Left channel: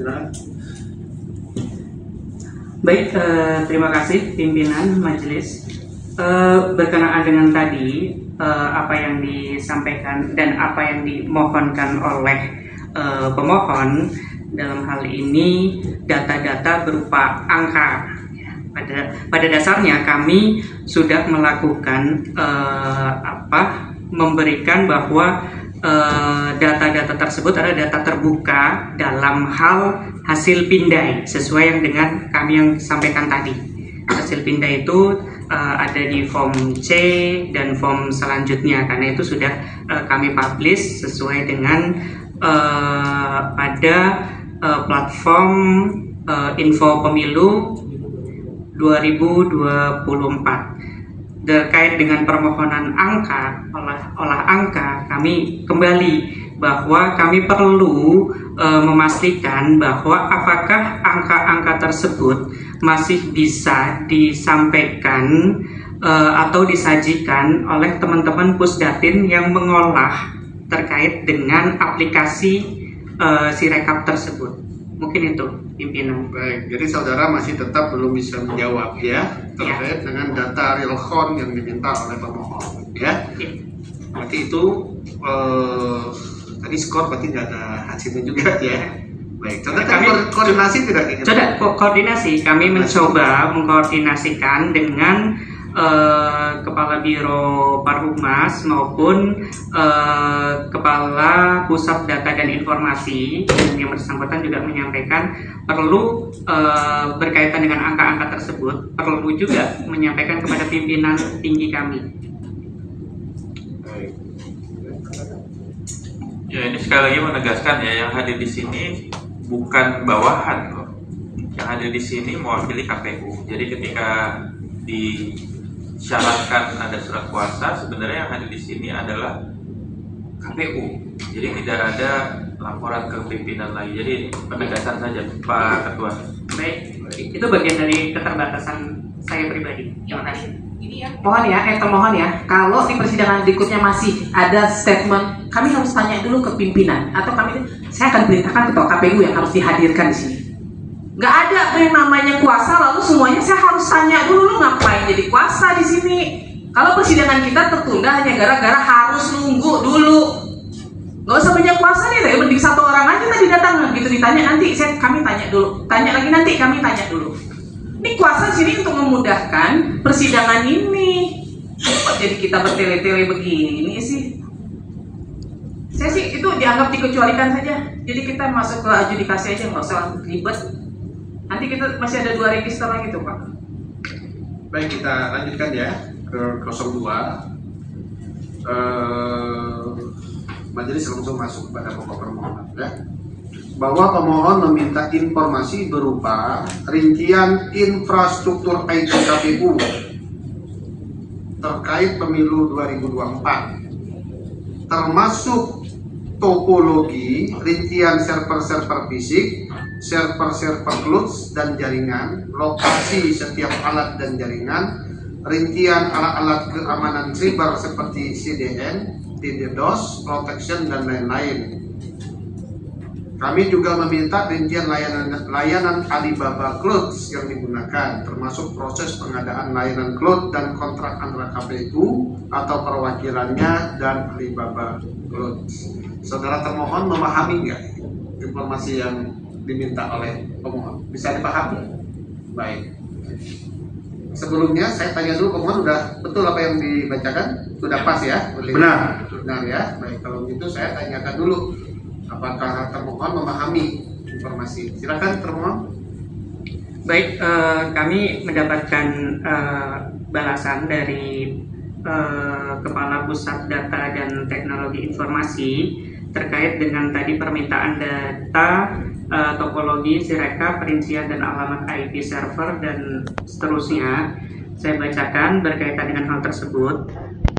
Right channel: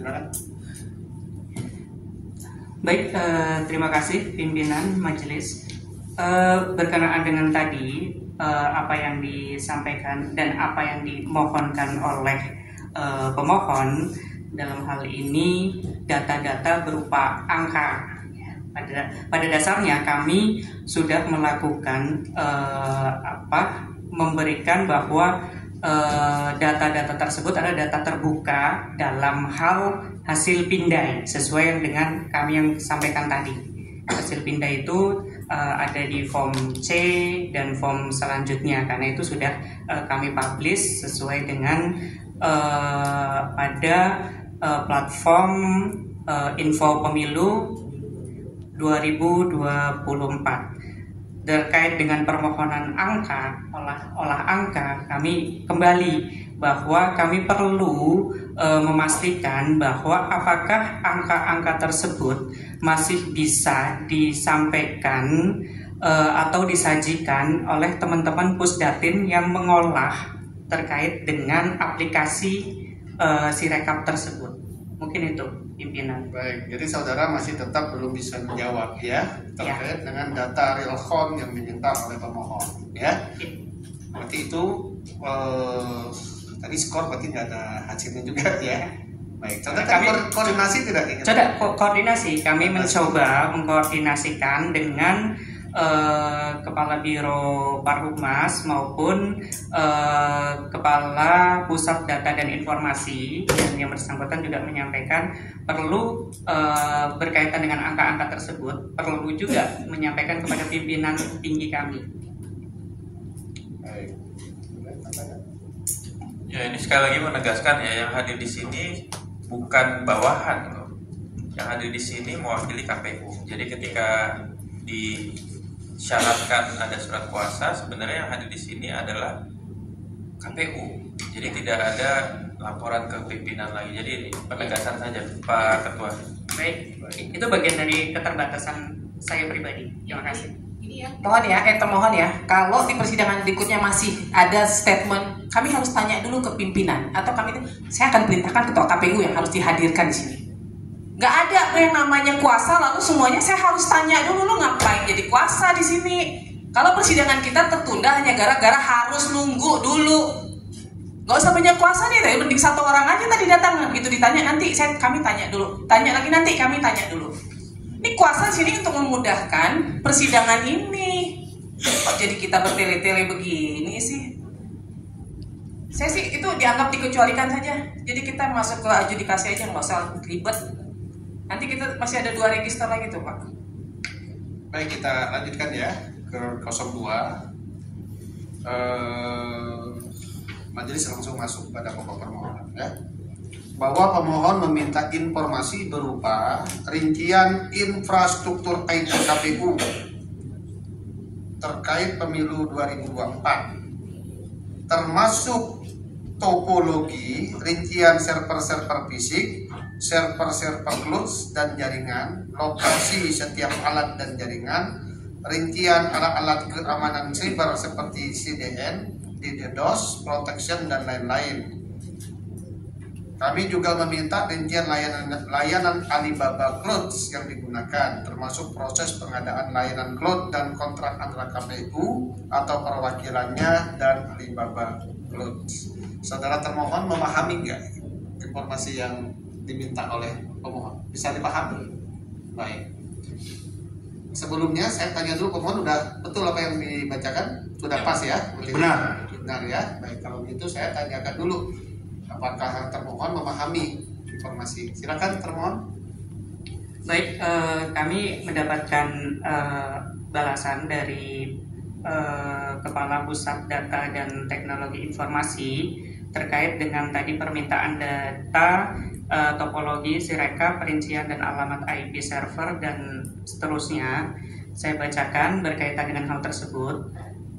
Silakan. Baik, terima kasih pimpinan majelis. Berkenaan dengan tadi apa yang disampaikan dan apa yang dimohonkan oleh pemohon, dalam hal ini data-data berupa angka. Pada dasarnya kami sudah melakukan memberikan bahwa data-data tersebut adalah data terbuka dalam hal hasil pindai sesuai yang dengan kami yang sampaikan tadi. Hasil pindai itu ada di form C dan form selanjutnya, karena itu sudah kami publish sesuai dengan pada platform info pemilu 2024. Terkait dengan permohonan angka, olah angka, kami kembali bahwa kami perlu memastikan bahwa apakah angka-angka tersebut masih bisa disampaikan atau disajikan oleh teman-teman Pusdatin yang mengolah terkait dengan aplikasi Sirekap tersebut. Mungkin itu pimpinan. Baik, jadi saudara masih tetap belum bisa menjawab ya terkait dengan data real count yang diminta oleh pemohon ya. Berarti itu tadi skor berarti nggak ada hasilnya juga ya. Baik, contoh kami koordinasi tidak ingin. Koordinasi, kami mencoba mengkoordinasikan dengan Kepala Biro Parhumas maupun Kepala Pusat Data dan Informasi, yang bersangkutan juga menyampaikan perlu berkaitan dengan angka-angka tersebut, perlu juga menyampaikan kepada pimpinan tinggi kami. Ya, ini sekali lagi menegaskan ya, yang hadir di sini bukan bawahan kok. Yang hadir di sini mewakili KPU. Jadi ketika disyaratkan ada surat kuasa, sebenarnya yang hadir di sini adalah KPU. Jadi tidak ada laporan ke pimpinan lagi. Jadi penegasan saja Pak Ketua. Baik, itu bagian dari keterbatasan saya pribadi. Terima kasih. Mohon ya, termohon ya, kalau di persidangan berikutnya masih ada statement, kami harus tanya dulu ke pimpinan, atau saya akan perintahkan ketua KPU yang harus dihadirkan di sini. Nggak ada yang namanya kuasa lalu semuanya saya harus tanya dulu, lu ngapain jadi kuasa di sini? Kalau persidangan kita tertunda hanya gara-gara harus nunggu dulu. Nggak usah banyak kuasa nih, tapi mending satu orang aja tadi datang gitu ditanya, nanti kami tanya dulu, tanya lagi nanti kami tanya dulu. Ini kuasa sini untuk memudahkan persidangan ini. Kok jadi kita bertele-tele begini sih? Saya sih itu dianggap dikecualikan saja. Jadi kita masuk ke adjudikasi aja, nggak usah ribet. Nanti kita masih ada 2 register lagi tuh Pak. Baik, kita lanjutkan ya ke 02. Majelis langsung masuk pada pokok permohonan ya. Bahwa pemohon meminta informasi berupa rincian infrastruktur IT KPU terkait pemilu 2024, termasuk topologi, rincian server-server fisik, server-server cloud dan jaringan, lokasi setiap alat dan jaringan, rincian alat-alat keamanan cyber seperti CDN, DDoS, protection, dan lain-lain. Kami juga meminta rincian layanan Alibaba Cloud yang digunakan, termasuk proses pengadaan layanan cloud dan kontrak antara KPU atau perwakilannya dan Alibaba Cloud. Saudara termohon memahami nggak informasi yang diminta oleh pemohon? Bisa dipahami? Baik. Sebelumnya saya tanya dulu, pemohon udah betul apa yang dibacakan? Sudah pas ya? Benar. Benar ya? Baik, kalau begitu saya tanyakan dulu, apakah termohon memahami informasi? Silakan termohon. Baik, kami mendapatkan balasan dari Kepala Pusat Data dan Teknologi Informasi terkait dengan tadi permintaan data, topologi, Sirekap, perincian dan alamat IP server dan seterusnya. Saya bacakan berkaitan dengan hal tersebut.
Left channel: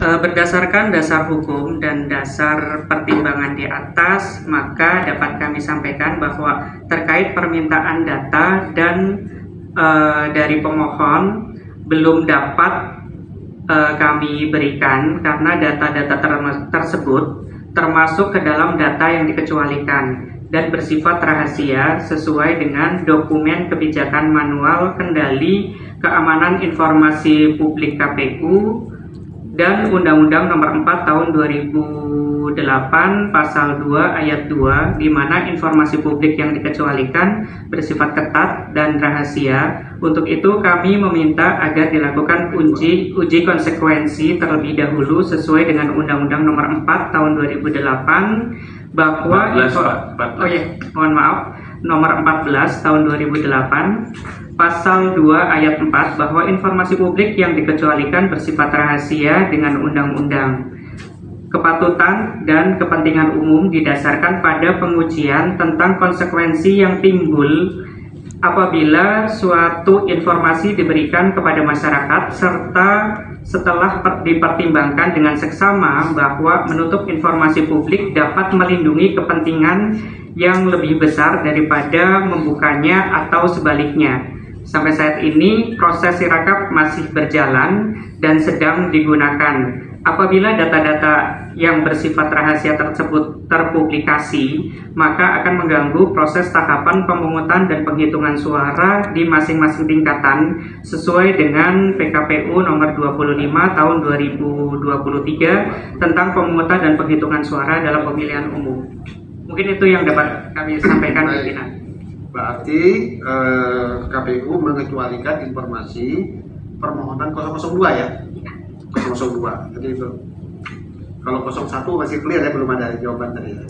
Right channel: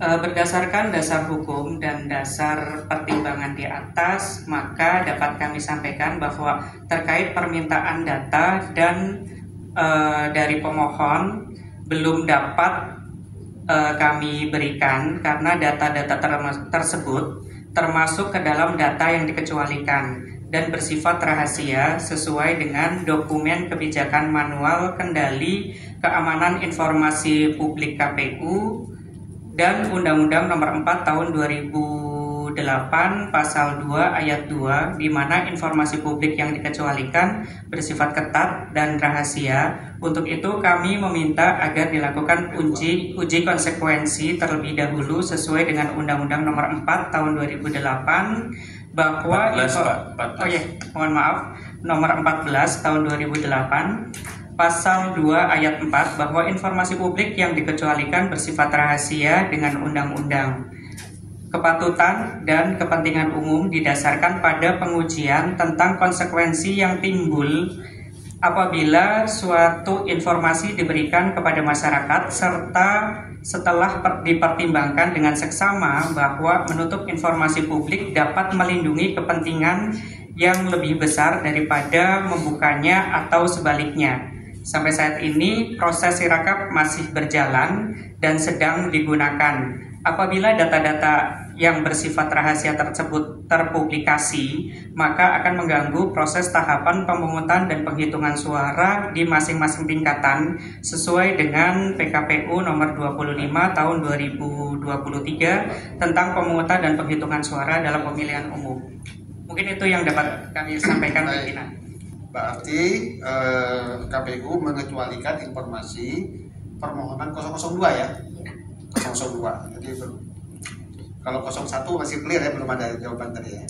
Berdasarkan dasar hukum dan dasar pertimbangan di atas, maka dapat kami sampaikan bahwa terkait permintaan data dan dari pemohon belum dapat kami berikan karena data-data tersebut termasuk ke dalam data yang dikecualikan. dan bersifat rahasia sesuai dengan dokumen kebijakan manual kendali keamanan informasi publik KPU dan Undang-Undang Nomor 4 Tahun 2008 Pasal 2 Ayat 2, di mana informasi publik yang dikecualikan bersifat ketat dan rahasia. Untuk itu kami meminta agar dilakukan uji konsekuensi terlebih dahulu sesuai dengan Undang-Undang Nomor 4 Tahun 2008 bahwa 14. mohon maaf, Nomor 14 Tahun 2008 Pasal 2 Ayat 4 bahwa informasi publik yang dikecualikan bersifat rahasia dengan undang-undang. Kepatutan dan kepentingan umum didasarkan pada pengujian tentang konsekuensi yang timbul apabila suatu informasi diberikan kepada masyarakat serta setelah dipertimbangkan dengan seksama bahwa menutup informasi publik dapat melindungi kepentingan yang lebih besar daripada membukanya atau sebaliknya. Sampai saat ini proses sirakap masih berjalan dan sedang digunakan. Apabila data-data yang bersifat rahasia tersebut terpublikasi, maka akan mengganggu proses tahapan pemungutan dan penghitungan suara di masing-masing tingkatan sesuai dengan PKPU nomor 25 tahun 2023 tentang pemungutan dan penghitungan suara dalam pemilihan umum. Mungkin itu yang dapat kami sampaikan. Berarti KPU mengecualikan informasi permohonan 002 ya? 002. Jadi itu. Kalau 01 masih clear ya, belum ada jawaban tadi ya.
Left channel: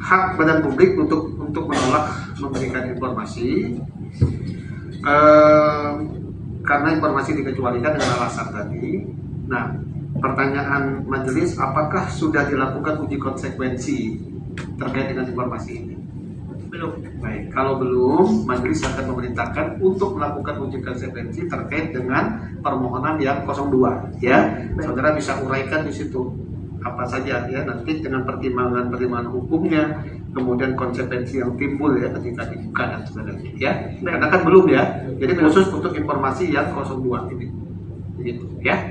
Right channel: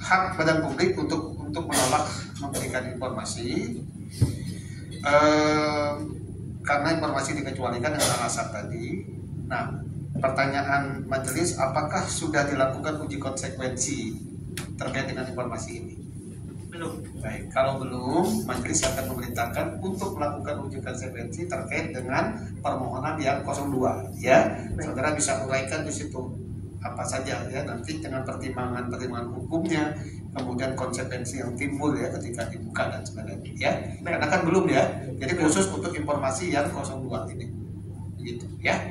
Hak badan publik untuk menolak memberikan informasi karena informasi dikecualikan dengan alasan tadi. Nah, pertanyaan majelis, apakah sudah dilakukan uji konsekuensi terkait dengan informasi ini? Belum. Baik, kalau belum, majelis akan memerintahkan untuk melakukan uji konsekuensi terkait dengan permohonan yang 02 ya. Saudara bisa uraikan di situ apa saja ya, nanti dengan pertimbangan hukumnya, kemudian konsekuensi yang timbul ya ketika dibuka dan sebagainya ya. Karena kan belum ya. Jadi khusus untuk informasi yang 02 ini. Begitu ya.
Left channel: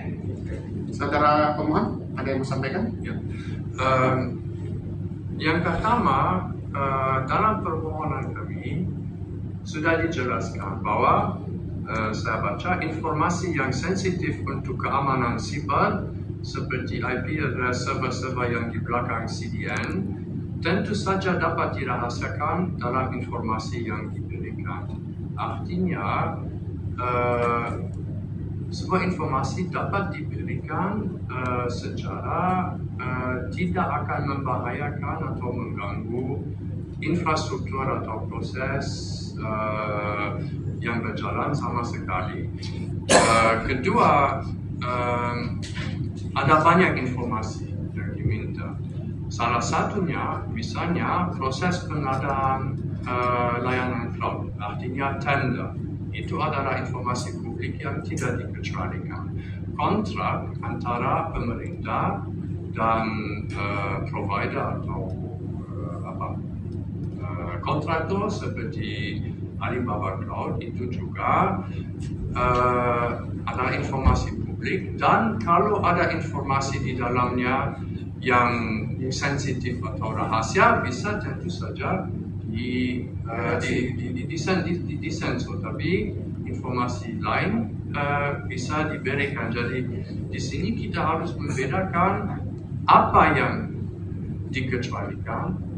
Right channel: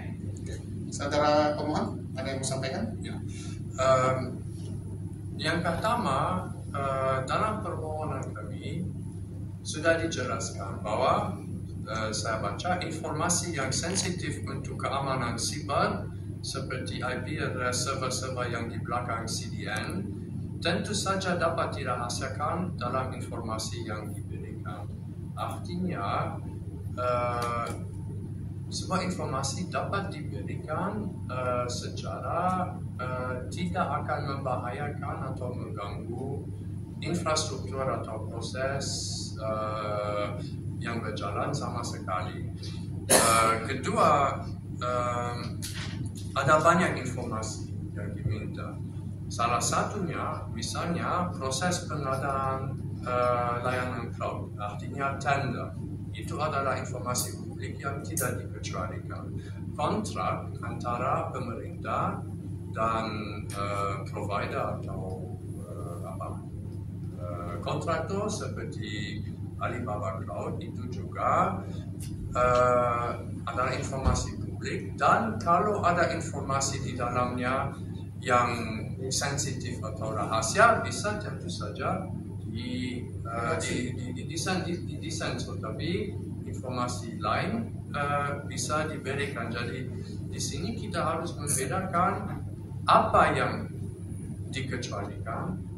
Saudara pemohon, ada yang mau sampaikan? Ya. Yang pertama, dalam permohonan kami sudah dijelaskan bahwa saya baca informasi yang sensitif untuk keamanan siber seperti IP address server-server yang di belakang CDN tentu saja dapat dirahasiakan dalam informasi yang diberikan. Artinya sebuah informasi dapat diberikan secara tidak akan membahayakan atau mengganggu infrastruktur atau proses yang berjalan sama sekali. Kedua, ada banyak informasi yang diminta. Salah satunya, misalnya proses pengadaan layanan cloud, artinya tender. Itu adalah informasi publik yang tidak dikecualikan. Kontrak antara pemerintah dan provider atau kontraktor seperti Alibaba Cloud itu juga adalah informasi publik, dan kalau ada informasi di dalamnya yang sensitif atau rahasia bisa tentu saja disensor, tapi informasi lain bisa diberikan. Jadi di sini kita harus membedakan apa yang dikecualikan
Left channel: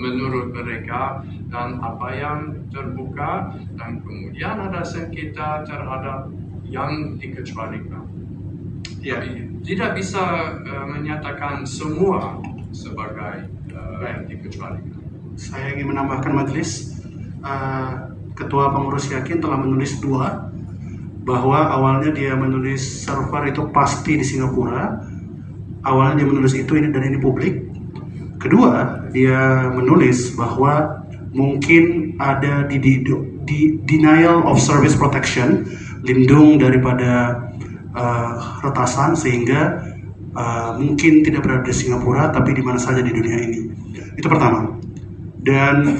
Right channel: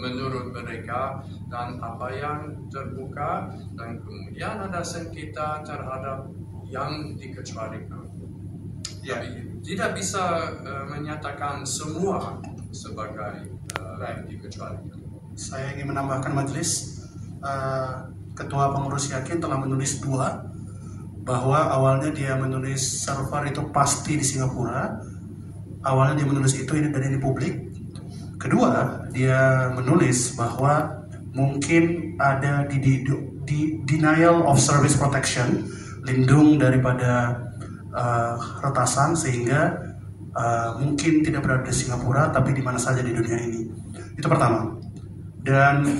menurut mereka dan apa yang terbuka, dan kemudian ada sengketa terhadap yang dikecualikan. Ya. Tidak bisa menyatakan semua sebagai dikecualikan. Saya ingin menambahkan majelis, Ketua Pengurus Yakin telah menulis 2, bahwa awalnya dia menulis server itu pasti di Singapura. Awalnya dia menulis itu dan ini publik. Kedua, dia menulis bahwa mungkin ada di denial of service protection, lindung daripada retasan, sehingga mungkin tidak berada di Singapura tapi di mana saja di dunia ini. Itu pertama. Dan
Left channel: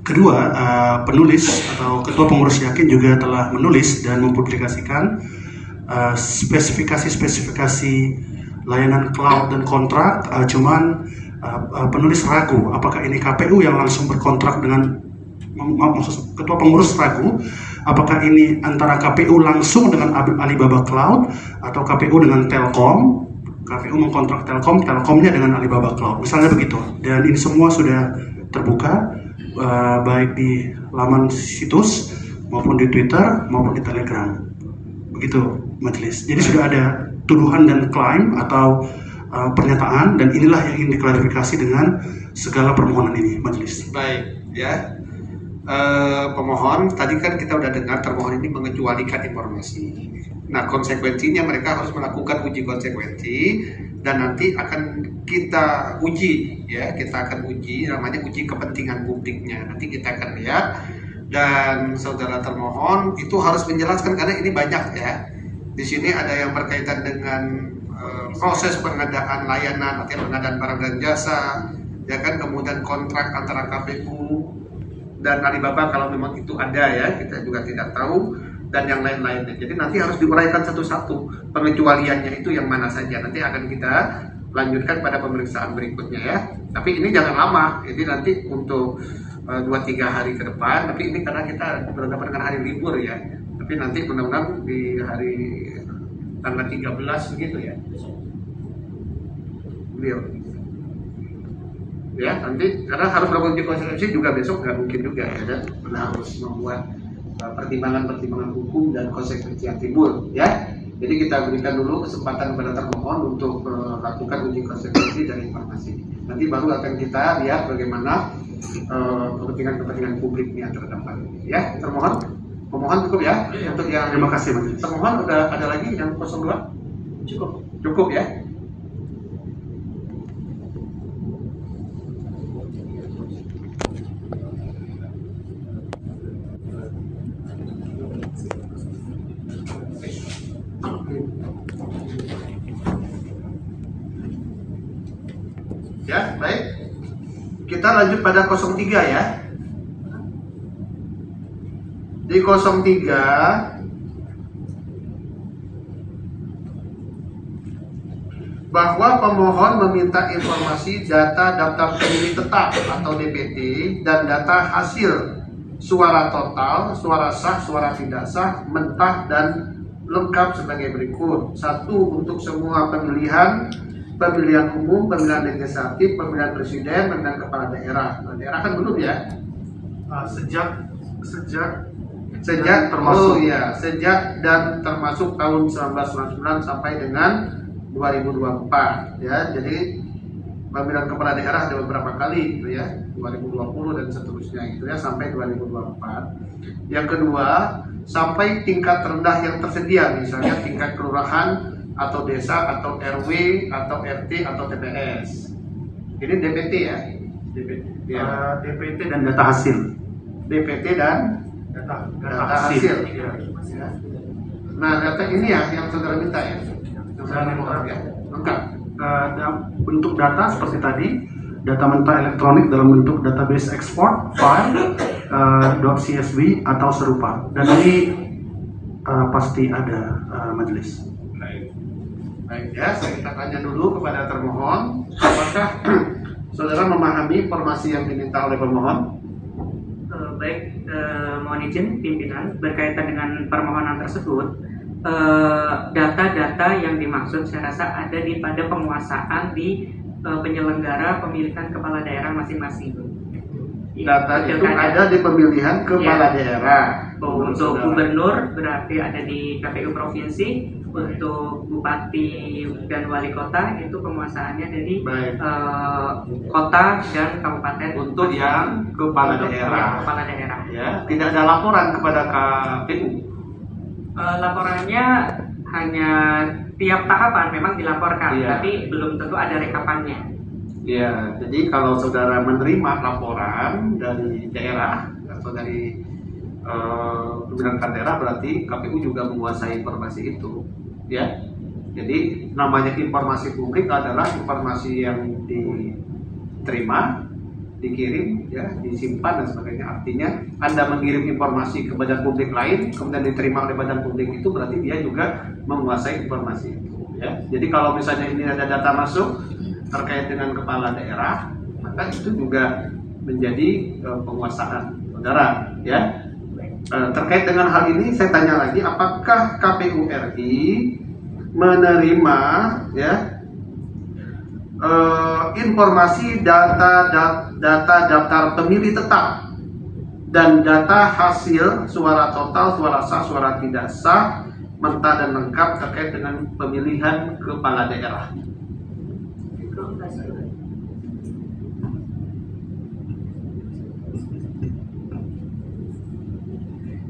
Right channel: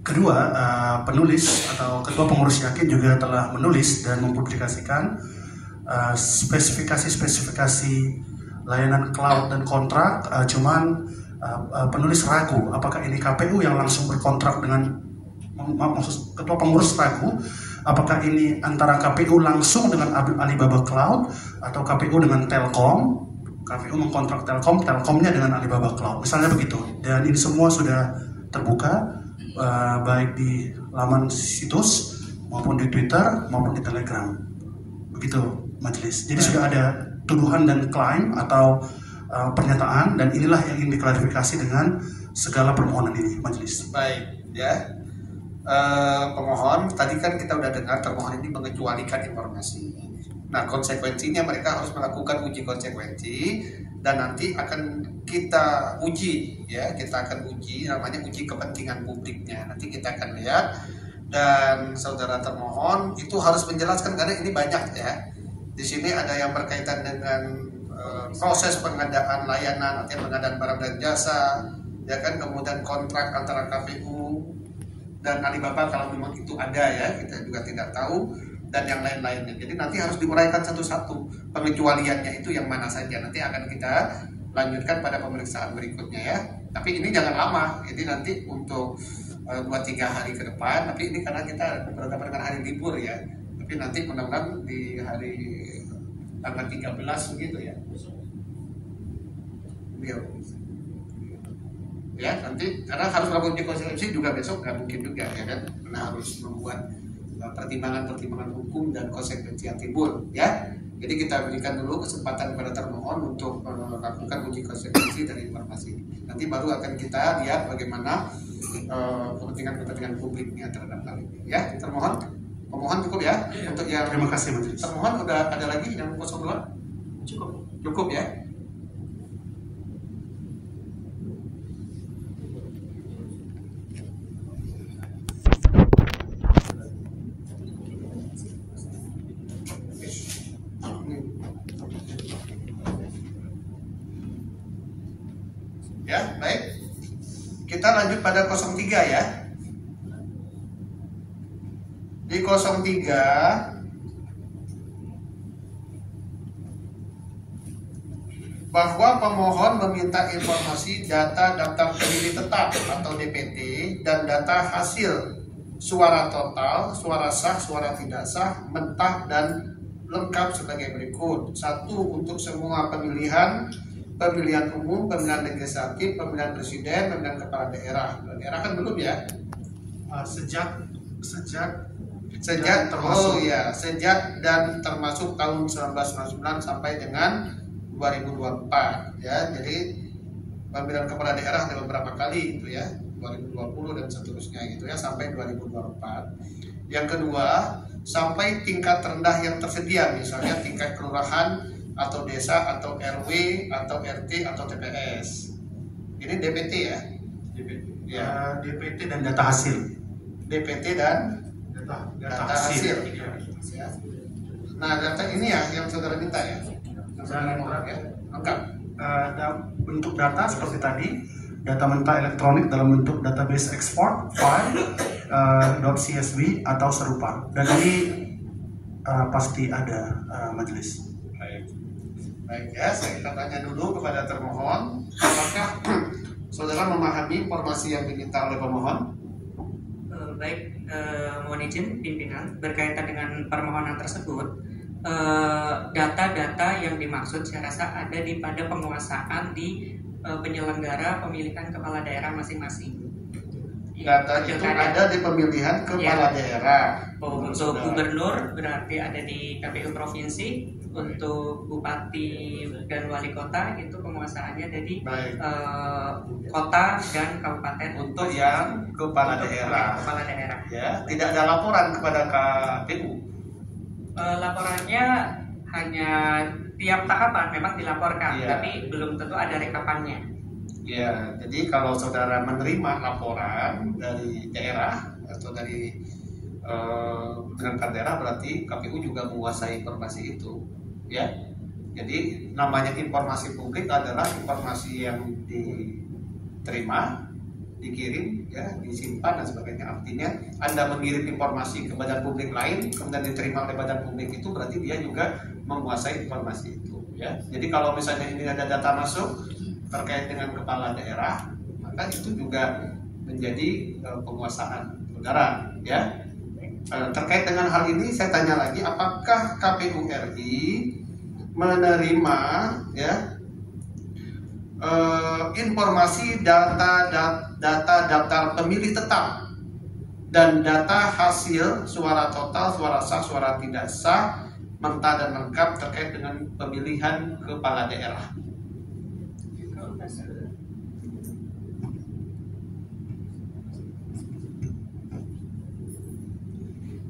kedua, penulis atau Ketua Pengurus Yakin juga telah menulis dan mempublikasikan spesifikasi layanan cloud dan kontrak, cuman penulis ragu apakah ini KPU yang langsung berkontrak dengan ketua pengurus ragu apakah ini antara KPU langsung dengan Alibaba Cloud atau KPU dengan Telkom. KPU mengkontrak Telkom, Telkomnya dengan Alibaba Cloud, misalnya begitu. Dan ini semua sudah terbuka, baik di laman situs maupun di Twitter maupun di Telegram. Begitu majelis. Jadi sudah ada tuduhan dan klaim atau pernyataan, dan inilah yang ingin diklarifikasi dengan segala permohonan ini majelis. Baik, ya. Pemohon tadi kan kita udah dengar termohon ini mengecualikan informasi. Nah, konsekuensinya mereka harus melakukan uji konsekuensi dan nanti akan kita uji, ya, kita akan uji, namanya uji kepentingan publiknya. Nanti kita akan lihat, dan saudara termohon itu harus menjelaskan karena ini banyak, ya. Di sini ada yang berkaitan dengan proses pengadaan layanan, artinya pengadaan barang dan jasa, ya kan, kemudian kontrak antara KPU dan Alibaba kalau memang itu ada, ya, kita juga tidak tahu, dan yang lain-lainnya. Jadi nanti harus diuraikan satu-satu pengecualiannya itu yang mana saja. Nanti akan kita lanjutkan pada pemeriksaan berikutnya, ya. Tapi ini jangan lama. Jadi nanti untuk 2-3 hari ke depan. Tapi ini karena kita berhadapan dengan hari libur, ya. Tapi nanti mudah-mudahan di hari tanggal 13 begitu, ya. Beliau. Ya, nanti karena harus melakukan uji konsekuensi juga besok nggak mungkin juga, ya kan. Karena harus membuat pertimbangan-pertimbangan hukum dan konsekuensi yang timbul, ya. Jadi kita berikan dulu kesempatan kepada termohon untuk melakukan uji konsekuensi dari informasi. Nanti baru akan kita lihat bagaimana kepentingan-kepentingan publik yang terdapat, ya. Termohon, pemohon cukup, ya. Untuk yang Terima kasih majelis. termohon udah ada lagi yang 02? Cukup, ya. Ya, baik. Kita lanjut pada 03, ya. Di 03 bahwa pemohon meminta informasi data daftar pemilih tetap atau DPT dan data hasil suara total, suara sah, suara tidak sah, mentah dan lengkap sebagai berikut. 1. Untuk semua pemilihan umum, pemilihan legislatif, pemilihan presiden, pemilihan kepala daerah. Kepala daerah kan belum, ya? Sejak termasuk, sejak dan termasuk tahun 1999 sampai dengan 2024, ya. Jadi pemilihan kepala daerah ada beberapa kali gitu, ya, 2020 dan seterusnya gitu, ya, sampai 2024. Yang kedua, sampai tingkat rendah yang tersedia, misalnya tingkat kelurahan atau desa atau RW atau RT atau TPS. Ini DPT, ya. DPT dan data hasil. DPT dan data hasil. Ya. Nah, data ini, ya, yang saudara minta, ya. Yang saudara minta, ya. Lengkap. Bentuk data seperti tadi, data mentah elektronik dalam bentuk database export file .csv atau serupa. Dan ini pasti ada majelis. Baik, ya, kita tanya dulu kepada termohon, apakah saudara memahami informasi yang diminta oleh pemohon? Baik, mohon izin pimpinan, berkaitan dengan permohonan tersebut, data-data yang dimaksud saya rasa ada pada penguasaan di penyelenggara pemilihan kepala daerah masing-masing. Data itu ada di pemilihan kepala daerah. Untuk gubernur berarti ada di KPU provinsi, untuk bupati dan wali kota itu penguasaannya dari kota dan kabupaten. Untuk yang kepala daerah. Ya, tidak ada laporan kepada KPU. Laporannya hanya tiap tahapan memang dilaporkan, tapi belum tentu ada rekapannya. Ya, jadi kalau saudara menerima laporan dari daerah atau dari pimpinan daerah, berarti KPU juga menguasai informasi itu, ya. Jadi namanya informasi publik adalah informasi yang diterima, dikirim, ya, disimpan dan sebagainya. Artinya Anda mengirim informasi ke badan publik lain, kemudian diterima oleh badan publik itu, berarti dia juga menguasai informasi itu. Ya, jadi kalau misalnya ini ada data masuk terkait dengan kepala daerah, maka itu juga menjadi penguasaan saudara. Ya, terkait dengan hal ini saya tanya lagi, apakah KPU RI menerima ya informasi data daftar pemilih tetap dan data hasil suara total, suara sah, suara tidak sah, mentah dan lengkap terkait dengan pemilihan kepala daerah?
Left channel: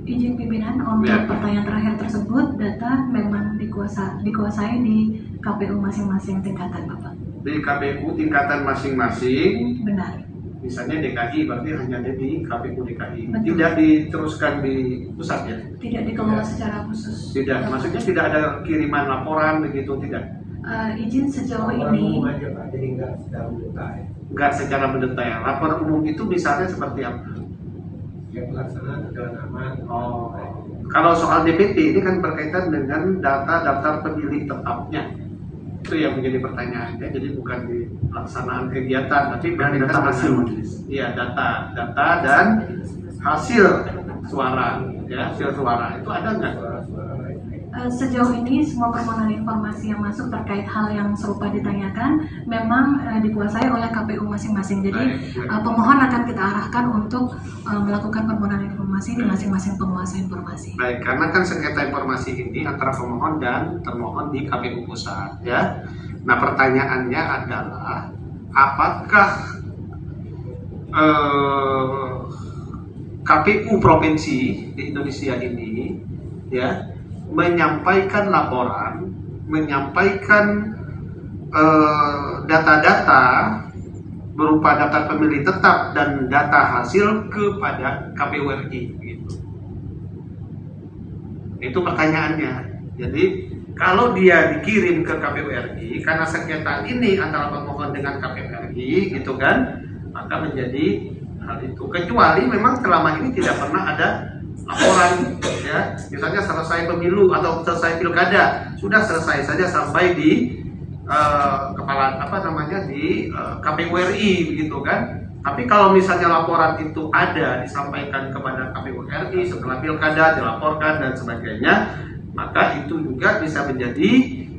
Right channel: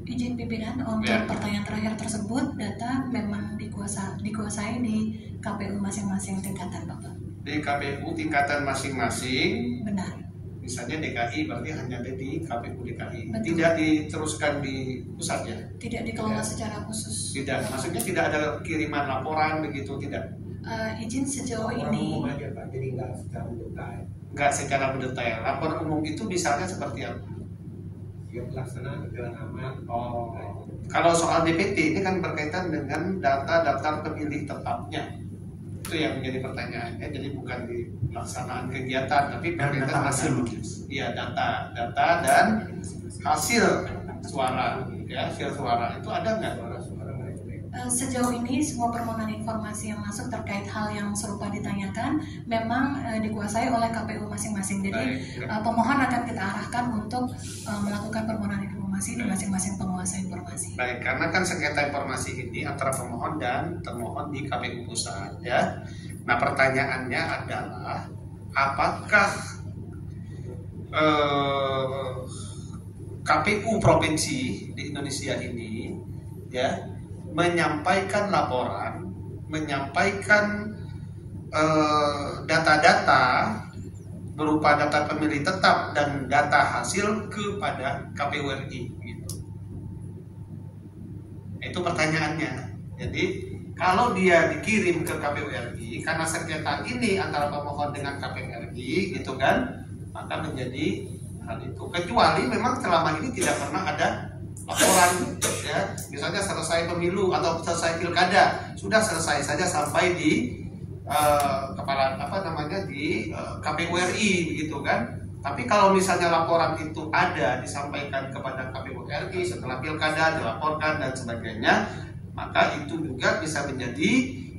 Izin pimpinan untuk Ya. pertanyaan terakhir tersebut, data memang dikuasai di KPU masing-masing tingkatan, Bapak. Di KPU tingkatan masing-masing, Benar. misalnya DKI berarti hanya ada di KPU DKI, Betul. tidak diteruskan di pusat ya? Tidak dikelola secara khusus. Tidak, maksudnya tidak ada kiriman laporan begitu, tidak? Izin sejauh ini Nggak secara mendetail. Lapor umum itu misalnya seperti apa? Oh, kalau soal DPT ini kan berkaitan dengan data daftar pemilih tetapnya. Itu yang menjadi pertanyaannya. Jadi bukan di pelaksanaan kegiatan, tapi Dan berkaitan data hasil dengan majelis. iya data dan hasil suara. Ya, hasil suara itu ada nggak? sejauh ini semua permohonan informasi yang masuk terkait hal yang serupa ditanyakan memang dikuasai oleh KPU masing-masing. Jadi pemohon akan kita arahkan untuk melakukan permohonan informasi di masing-masing penguasa informasi. Baik, karena kan sengketa informasi ini antara pemohon dan termohon di KPU pusat, ya. Nah, pertanyaannya adalah apakah KPU provinsi di Indonesia ini, ya, menyampaikan laporan, menyampaikan data-data berupa data pemilih tetap dan data hasil kepada KPU RI, gitu. Itu pertanyaannya. Jadi kalau dia dikirim ke KPU RI karena sengketa ini antara pemohon dengan KPU RI, gitu kan, maka menjadi hal itu. Kecuali memang selama ini tidak pernah ada laporan, ya, misalnya selesai pemilu atau selesai pilkada, sudah selesai saja sampai di kepala di KPU RI, begitu kan. Tapi kalau misalnya laporan itu ada disampaikan kepada KPU RI setelah pilkada dilaporkan dan sebagainya, maka itu juga bisa menjadi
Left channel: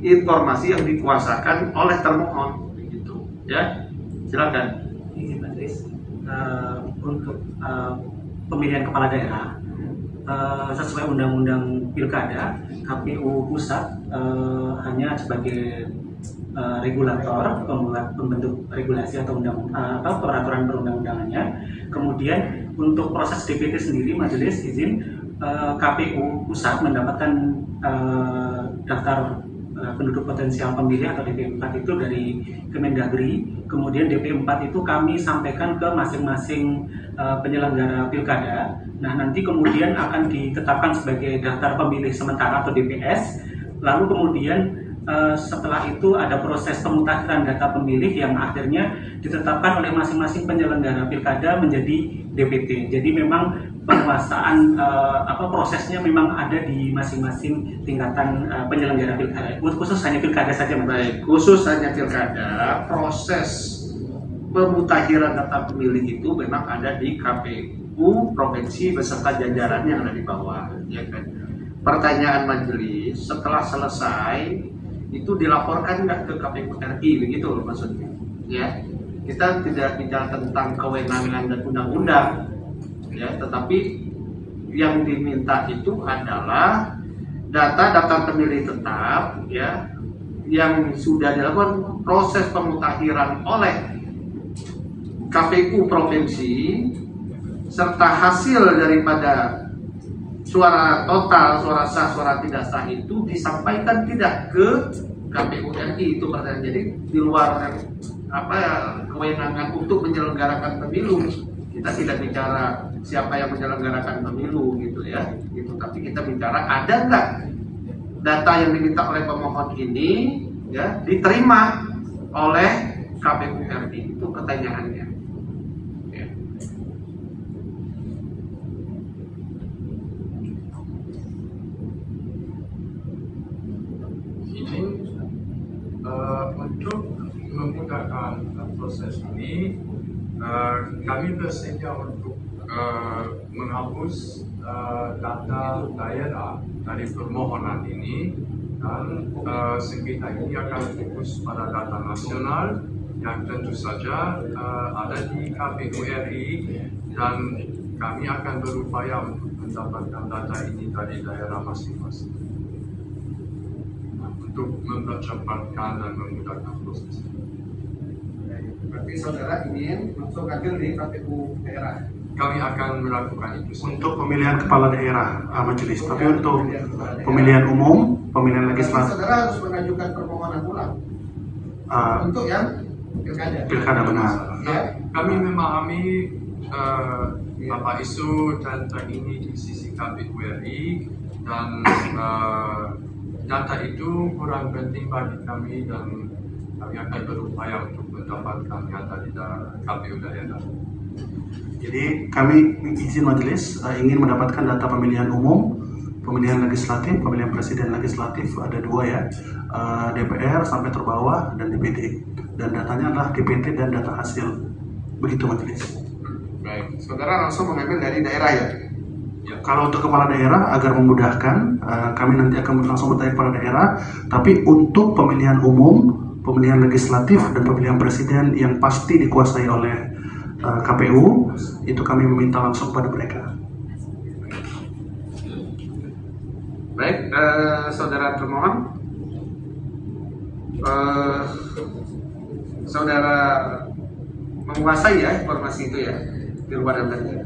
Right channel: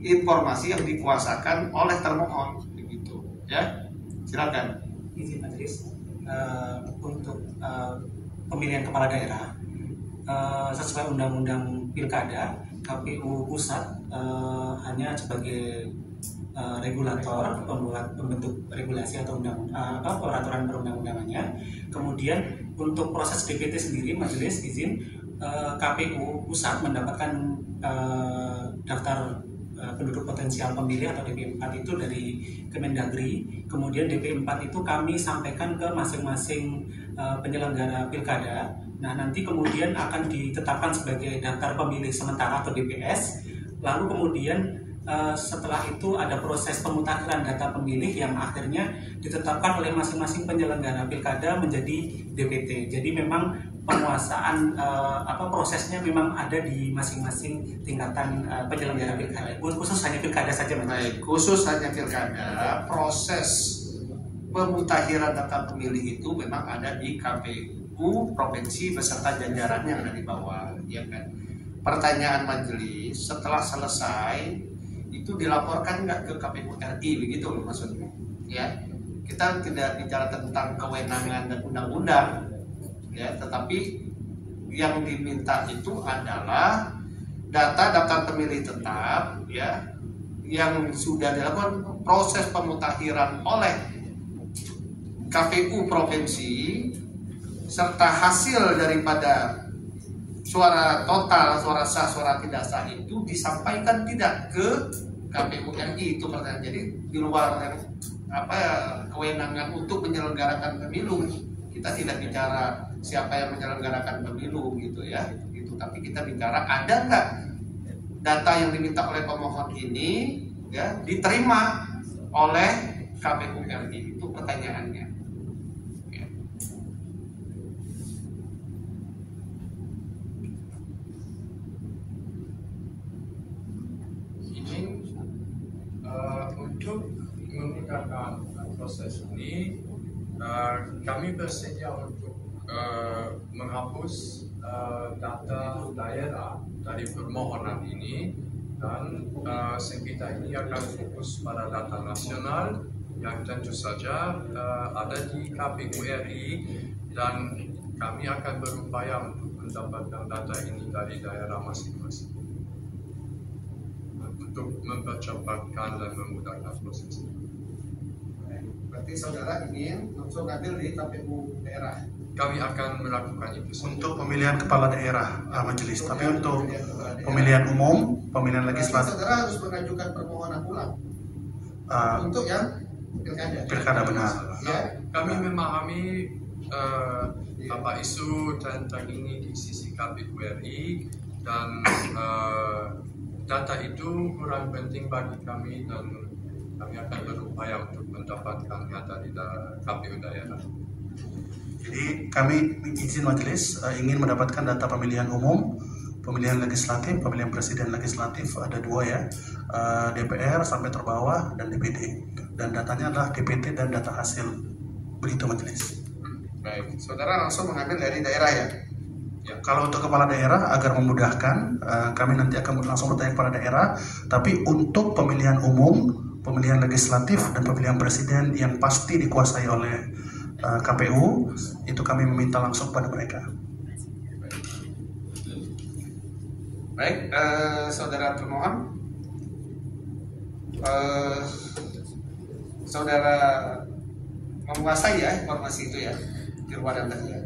informasi yang dikuasakan oleh termohon, begitu, ya. Silakan. Izin majelis, untuk pemilihan kepala daerah sesuai undang-undang pilkada, KPU pusat hanya sebagai regulator, pembentuk regulasi atau peraturan perundang-undangannya. Kemudian untuk proses DPT sendiri, majelis izin, KPU pusat mendapatkan daftar penduduk potensial pemilih atau DP4 itu dari Kemendagri. Kemudian DP4 itu kami sampaikan ke masing-masing penyelenggara pilkada. Nah, nanti kemudian akan ditetapkan sebagai daftar pemilih sementara atau DPS. Lalu kemudian setelah itu ada proses pemutakhiran data pemilih yang akhirnya ditetapkan oleh masing-masing penyelenggara pilkada menjadi DPT. Jadi memang penguasaan prosesnya memang ada di masing-masing tingkatan penyelenggara pilkada. Khusus hanya pilkada saja, Mas. Baik, khusus hanya pilkada, proses pemutakhiran data pemilih itu memang ada di KPU provinsi beserta jajarannya yang ada di bawah, ya kan. Pertanyaan majelis, setelah selesai itu dilaporkan nggak ke KPU RI, begitu loh maksudnya, ya. Kita tidak bicara tentang kewenangan dan undang-undang, ya, tetapi yang diminta itu adalah data daftar pemilih tetap, ya, yang sudah dilakukan proses pemutakhiran oleh KPU provinsi serta hasil daripada suara total, suara sah, suara tidak sah itu disampaikan tidak ke KPU RI. Itu pertanyaan. Jadi di luar kewenangan untuk menyelenggarakan pemilu, kita tidak bicara siapa yang menyelenggarakan pemilu, gitu ya, gitu. Tapi kita bicara ada nggak data yang diminta oleh pemohon ini, ya, diterima oleh KPU RI. Itu pertanyaannya. Ya. Izin kami bersedia untuk menghapus data daerah dari permohonan ini, dan sengketa ini akan fokus pada data nasional yang tentu saja ada di KPU RI, dan kami akan berupaya untuk mendapatkan data ini dari daerah masing-masing untuk mempercepatkan dan memudahkan proses. Berarti saudara ingin langsung ambil di KPU daerah. Kami akan melakukan itu Untuk pemilihan kepala daerah majelis, tapi untuk pemilihan umum, pemilihan legislatif, saudara harus mengajukan permohonan ulang untuk yang pilkada benar. Ya. Kami memahami apa isu tentang ini di sisi KPU RI, dan data itu kurang penting bagi kami, dan kami akan berupaya untuk mendapatkannya dari KPU daerah. Jadi kami izin majelis ingin mendapatkan data pemilihan umum, pemilihan legislatif, pemilihan presiden legislatif, ada dua ya, DPR sampai terbawah dan DPD, dan datanya adalah DPT dan data hasil. Begitu majelis. Baik, saudara langsung mengambil dari daerah ya. Kalau untuk kepala daerah agar memudahkan, kami nanti akan langsung bertanya kepada daerah. Tapi untuk pemilihan umum, pemilihan legislatif dan pemilihan presiden yang pasti dikuasai oleh KPU, itu kami meminta langsung pada mereka. Baik, saudara termohon, saudara menguasai ya informasi itu ya di luar Anda ya.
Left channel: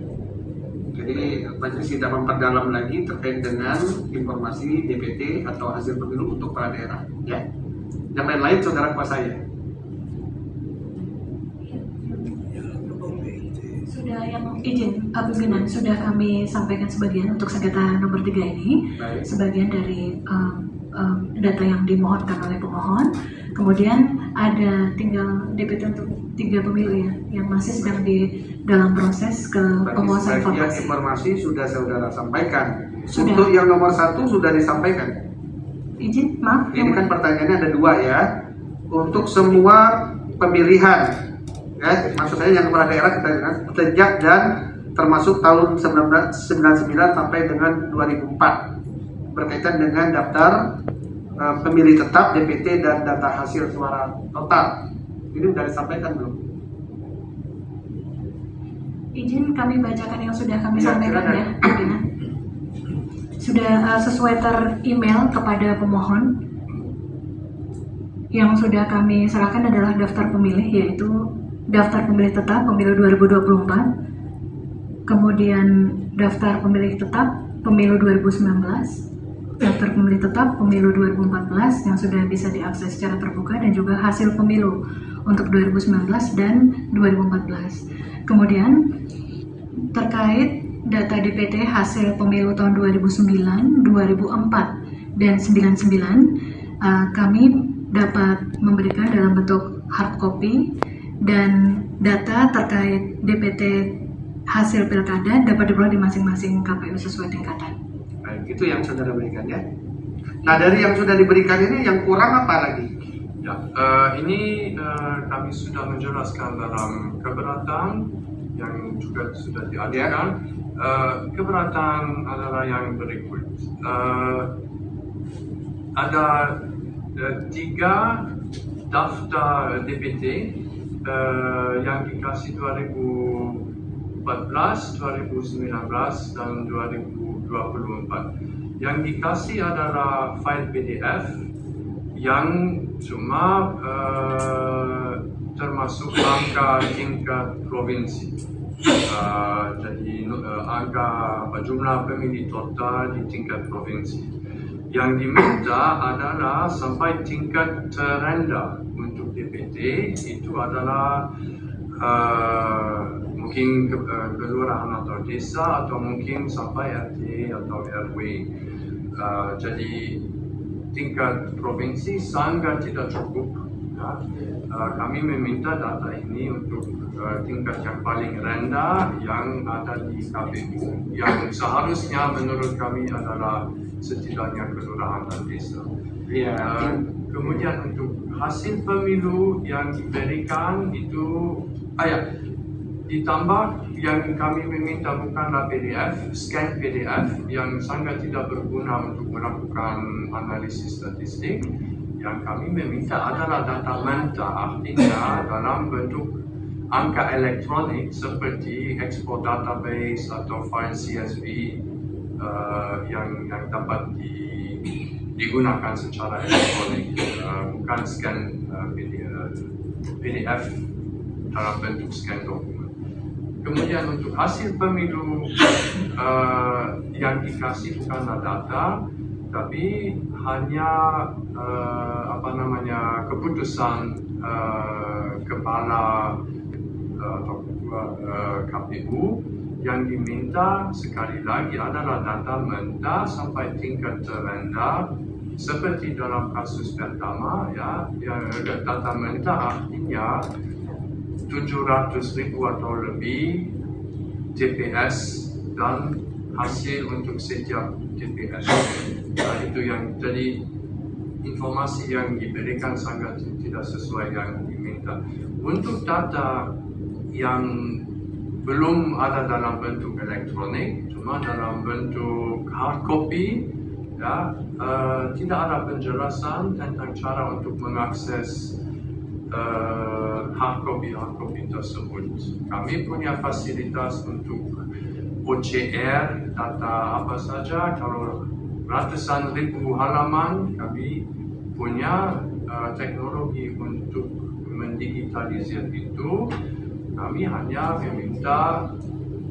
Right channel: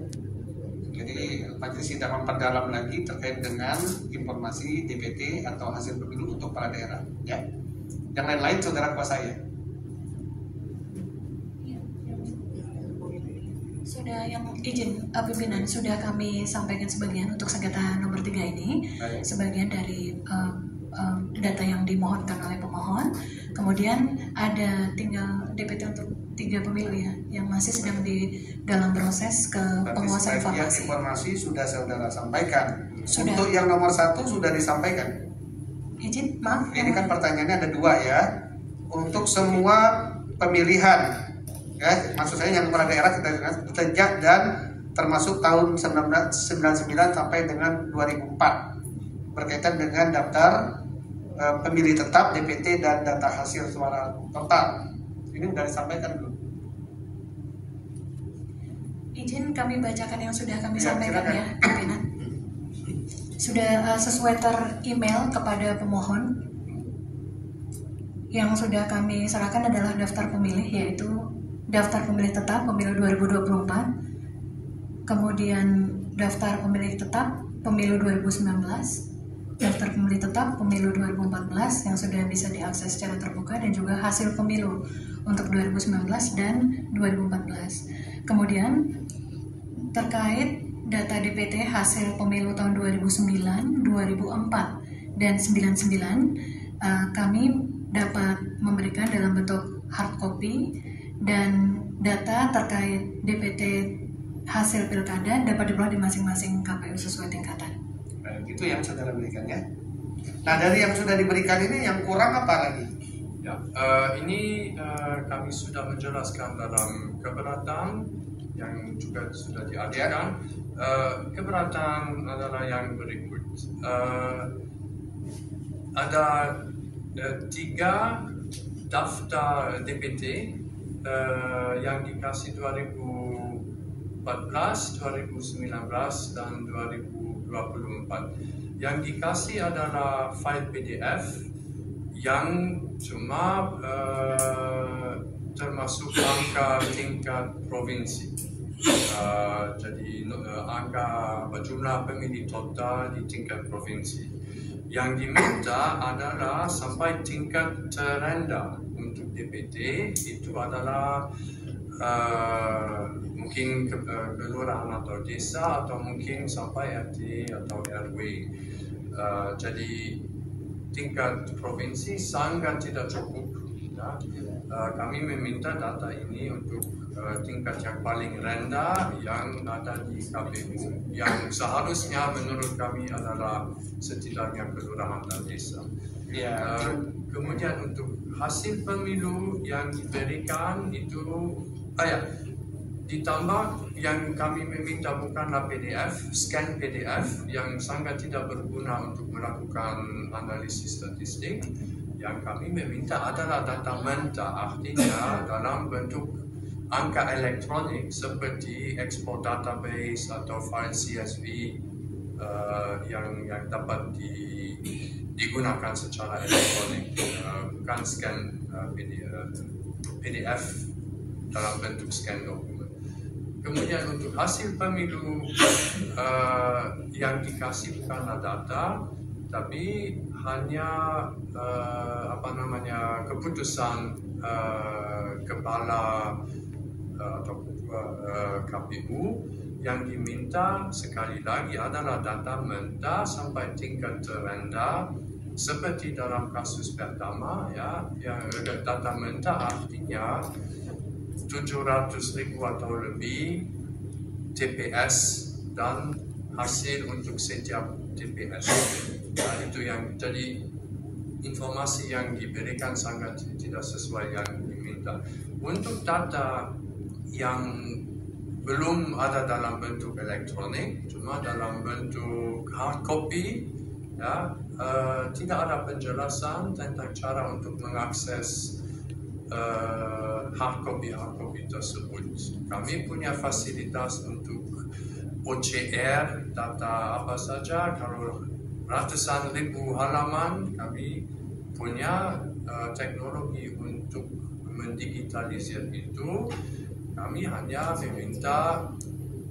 Jadi majelis tidak memperdalam lagi terkait dengan informasi DPT atau hasil pemilu untuk para daerah ya. Yang lain-lain saudara kuasai ya. Sudah yang izin pimpinan sudah kami sampaikan sebagian untuk sengketa nomor 3 ini. Baik. Sebagian dari data yang dimohonkan oleh pemohon. Kemudian ada tinggal DPT untuk 3 pemilu ya yang masih sedang di dalam proses ke penguasaan Sebagian informasi. informasi sudah saudara sampaikan. Sudah. Untuk yang nomor 1 sudah disampaikan. Izin, maaf. Ini kan pertanyaannya ada 2 ya. Untuk semua pemilihan ya, maksud saya yang kepala daerah kita dengar sejak dan termasuk tahun 1999 sampai dengan 2004 berkaitan dengan daftar pemilih tetap DPT dan data hasil suara total. Ini sudah disampaikan belum? Izin kami bacakan yang sudah kami Ya, sampaikan silakan. ya, pimpinan. Sudah sesuai email kepada pemohon. Yang sudah kami serahkan adalah daftar pemilih, yaitu daftar pemilih tetap pemilu 2024, kemudian daftar pemilih tetap pemilu 2019, daftar pemilih tetap pemilu 2014 yang sudah bisa diakses secara terbuka, dan juga hasil pemilu untuk 2019 dan 2014. Kemudian terkait data DPT hasil pemilu tahun 2009, 2004, dan 99, kami dapat memberikan dalam bentuk hard copy, dan data terkait DPT hasil pilkada dapat diperoleh di masing-masing KPU sesuai tingkatan. Baik, itu yang saudara berikan ya. Nah, dari yang sudah diberikan ini yang kurang apa lagi? Ya, ini kami sudah menjelaskan dalam keberatan yang juga sudah diajukan. Keberatan adalah yang berikut. Ada 3 daftar DPT yang dikasih 2014, 2019, dan 2024. Yang dikasih adalah file PDF yang cuma termasuk angka tingkat provinsi. Jadi angka jumlah pemilih total di tingkat provinsi. Yang diminta adalah sampai tingkat terendah untuk DPT, itu adalah mungkin kelurahan atau desa, atau mungkin sampai RT atau RW. Jadi tingkat provinsi sangat tidak cukup. Ya. Kami meminta data ini untuk tingkat yang paling rendah yang ada di KPU, yang seharusnya menurut kami adalah setidaknya kelurahan dan desa. Kemudian untuk hasil pemilu yang diberikan itu, Ditambah yang kami meminta bukanlah PDF, scan PDF yang sangat tidak berguna untuk melakukan analisis statistik. Yang kami meminta adalah data mentah, artinya dalam bentuk angka elektronik seperti export database atau file CSV yang dapat digunakan secara elektronik, bukan scan PDF dalam bentuk scan dokumen. Kemudian untuk hasil pemilu yang dikasih bukanlah data, tapi hanya keputusan kepala atau ketua KPU. Yang diminta sekali lagi adalah data mentah sampai tingkat terendah, seperti dalam kasus pertama, ya data mentah artinya 700.000 atau lebih TPS dan hasil untuk setiap TPS. Itu yang jadi informasi yang diberikan sangat tidak sesuai yang diminta. Untuk data yang belum ada dalam bentuk elektronik, cuma dalam bentuk hard copy, ya, tidak ada penjelasan tentang cara untuk mengakses hard copy tersebut. Kami punya fasilitas untuk OCR data apa saja. Kalau ratusan ribu halaman, kami punya teknologi untuk mendigitalisir itu. Kami hanya meminta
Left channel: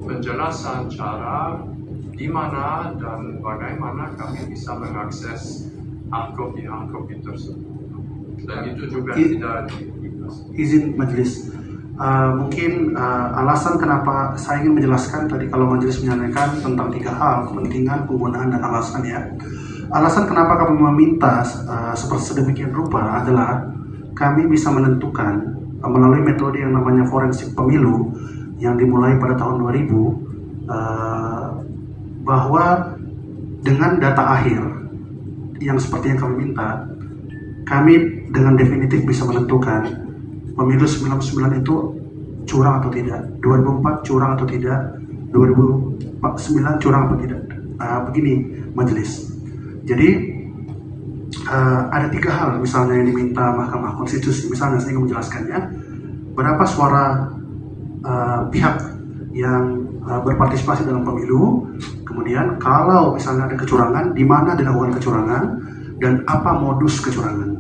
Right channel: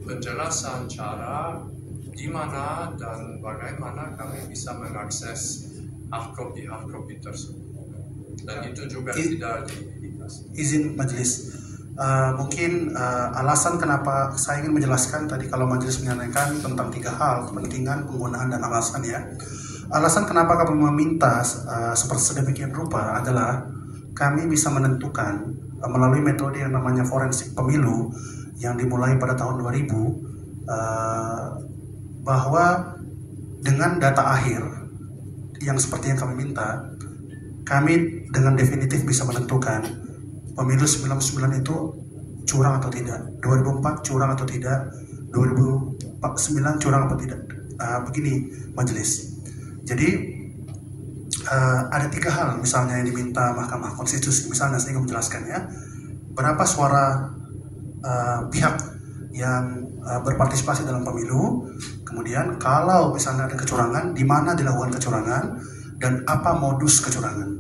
penjelasan cara di mana dan bagaimana kami bisa mengakses hard copy tersebut. Dan itu juga tidak dikasih. Izin majelis, mungkin alasan kenapa saya ingin menjelaskan tadi kalau majelis menyampaikan tentang 3 hal, kepentingan, penggunaan, dan alasan ya. Alasan kenapa kami meminta seperti sedemikian rupa adalah kami bisa menentukan melalui metode yang namanya forensik pemilu yang dimulai pada tahun 2000 bahwa dengan data akhir yang seperti yang kami minta, kami dengan definitif bisa menentukan pemilu 99 itu curang atau tidak, 2004 curang atau tidak, 2009 curang atau tidak. Begini majelis. Jadi ada 3 hal misalnya yang diminta Mahkamah Konstitusi. Misalnya saya ingin menjelaskannya, berapa suara pihak yang berpartisipasi dalam pemilu, kemudian kalau misalnya ada kecurangan, di mana dilakukan kecurangan, dan apa modus kecurangan.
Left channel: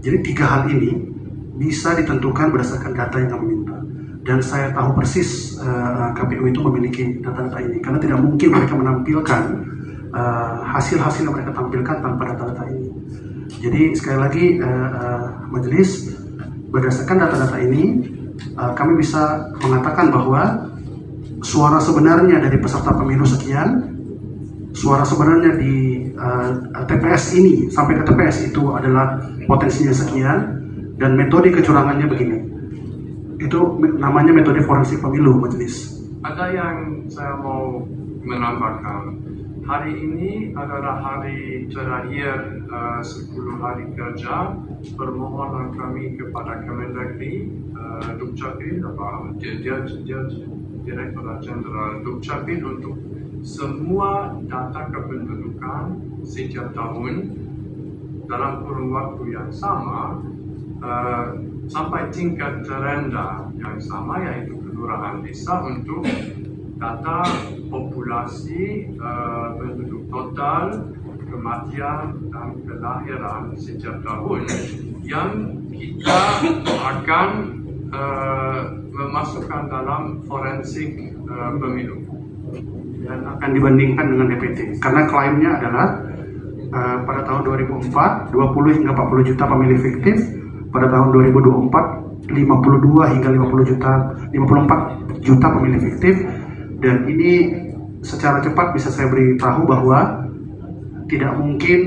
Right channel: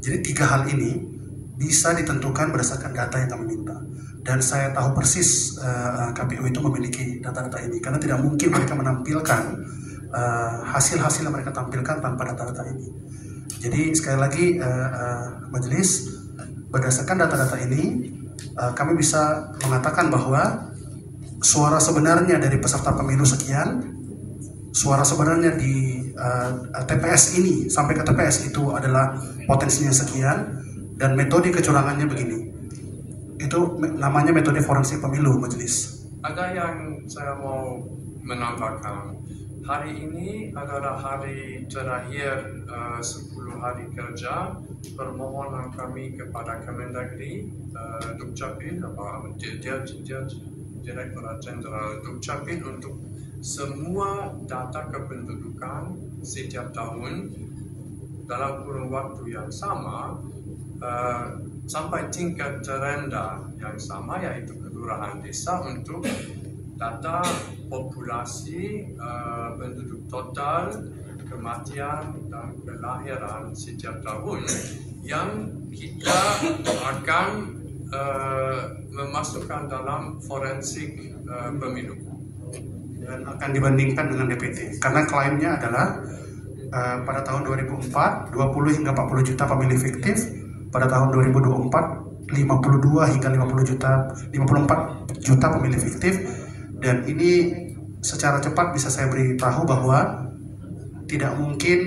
Jadi 3 hal ini bisa ditentukan berdasarkan data yang kami minta. Dan saya tahu persis KPU itu memiliki data-data ini, karena tidak mungkin mereka menampilkan hasil-hasil yang mereka tampilkan tanpa data-data ini. Jadi sekali lagi majelis, berdasarkan data-data ini kami bisa mengatakan bahwa suara sebenarnya dari peserta pemilu sekian, suara sebenarnya di TPS ini sampai ke TPS itu adalah potensinya sekian, dan metode kecurangannya begini. Itu namanya metode forensik pemilu majelis. Ada yang saya mau menambahkan. Hari ini adalah hari terakhir 10 hari kerja permohonan kami kepada Kemendagri, Dukcapil, Direktorat Jenderal Dukcapil untuk semua data kependudukan setiap tahun dalam kurun waktu yang sama sampai tingkat terendah yang sama, yaitu kelurahan desa, untuk data populasi penduduk total, kematian, dan kelahiran setiap tahun yang kita akan memasukkan dalam forensik pemilu. Dan akan dibandingkan dengan DPT. Karena klaimnya adalah pada tahun 2004, 20 hingga 40 juta pemilih fiktif. Pada tahun 2024, 52 hingga 54 juta pemilih fiktif. Dan ini secara cepat bisa saya beritahu bahwa tidak mungkin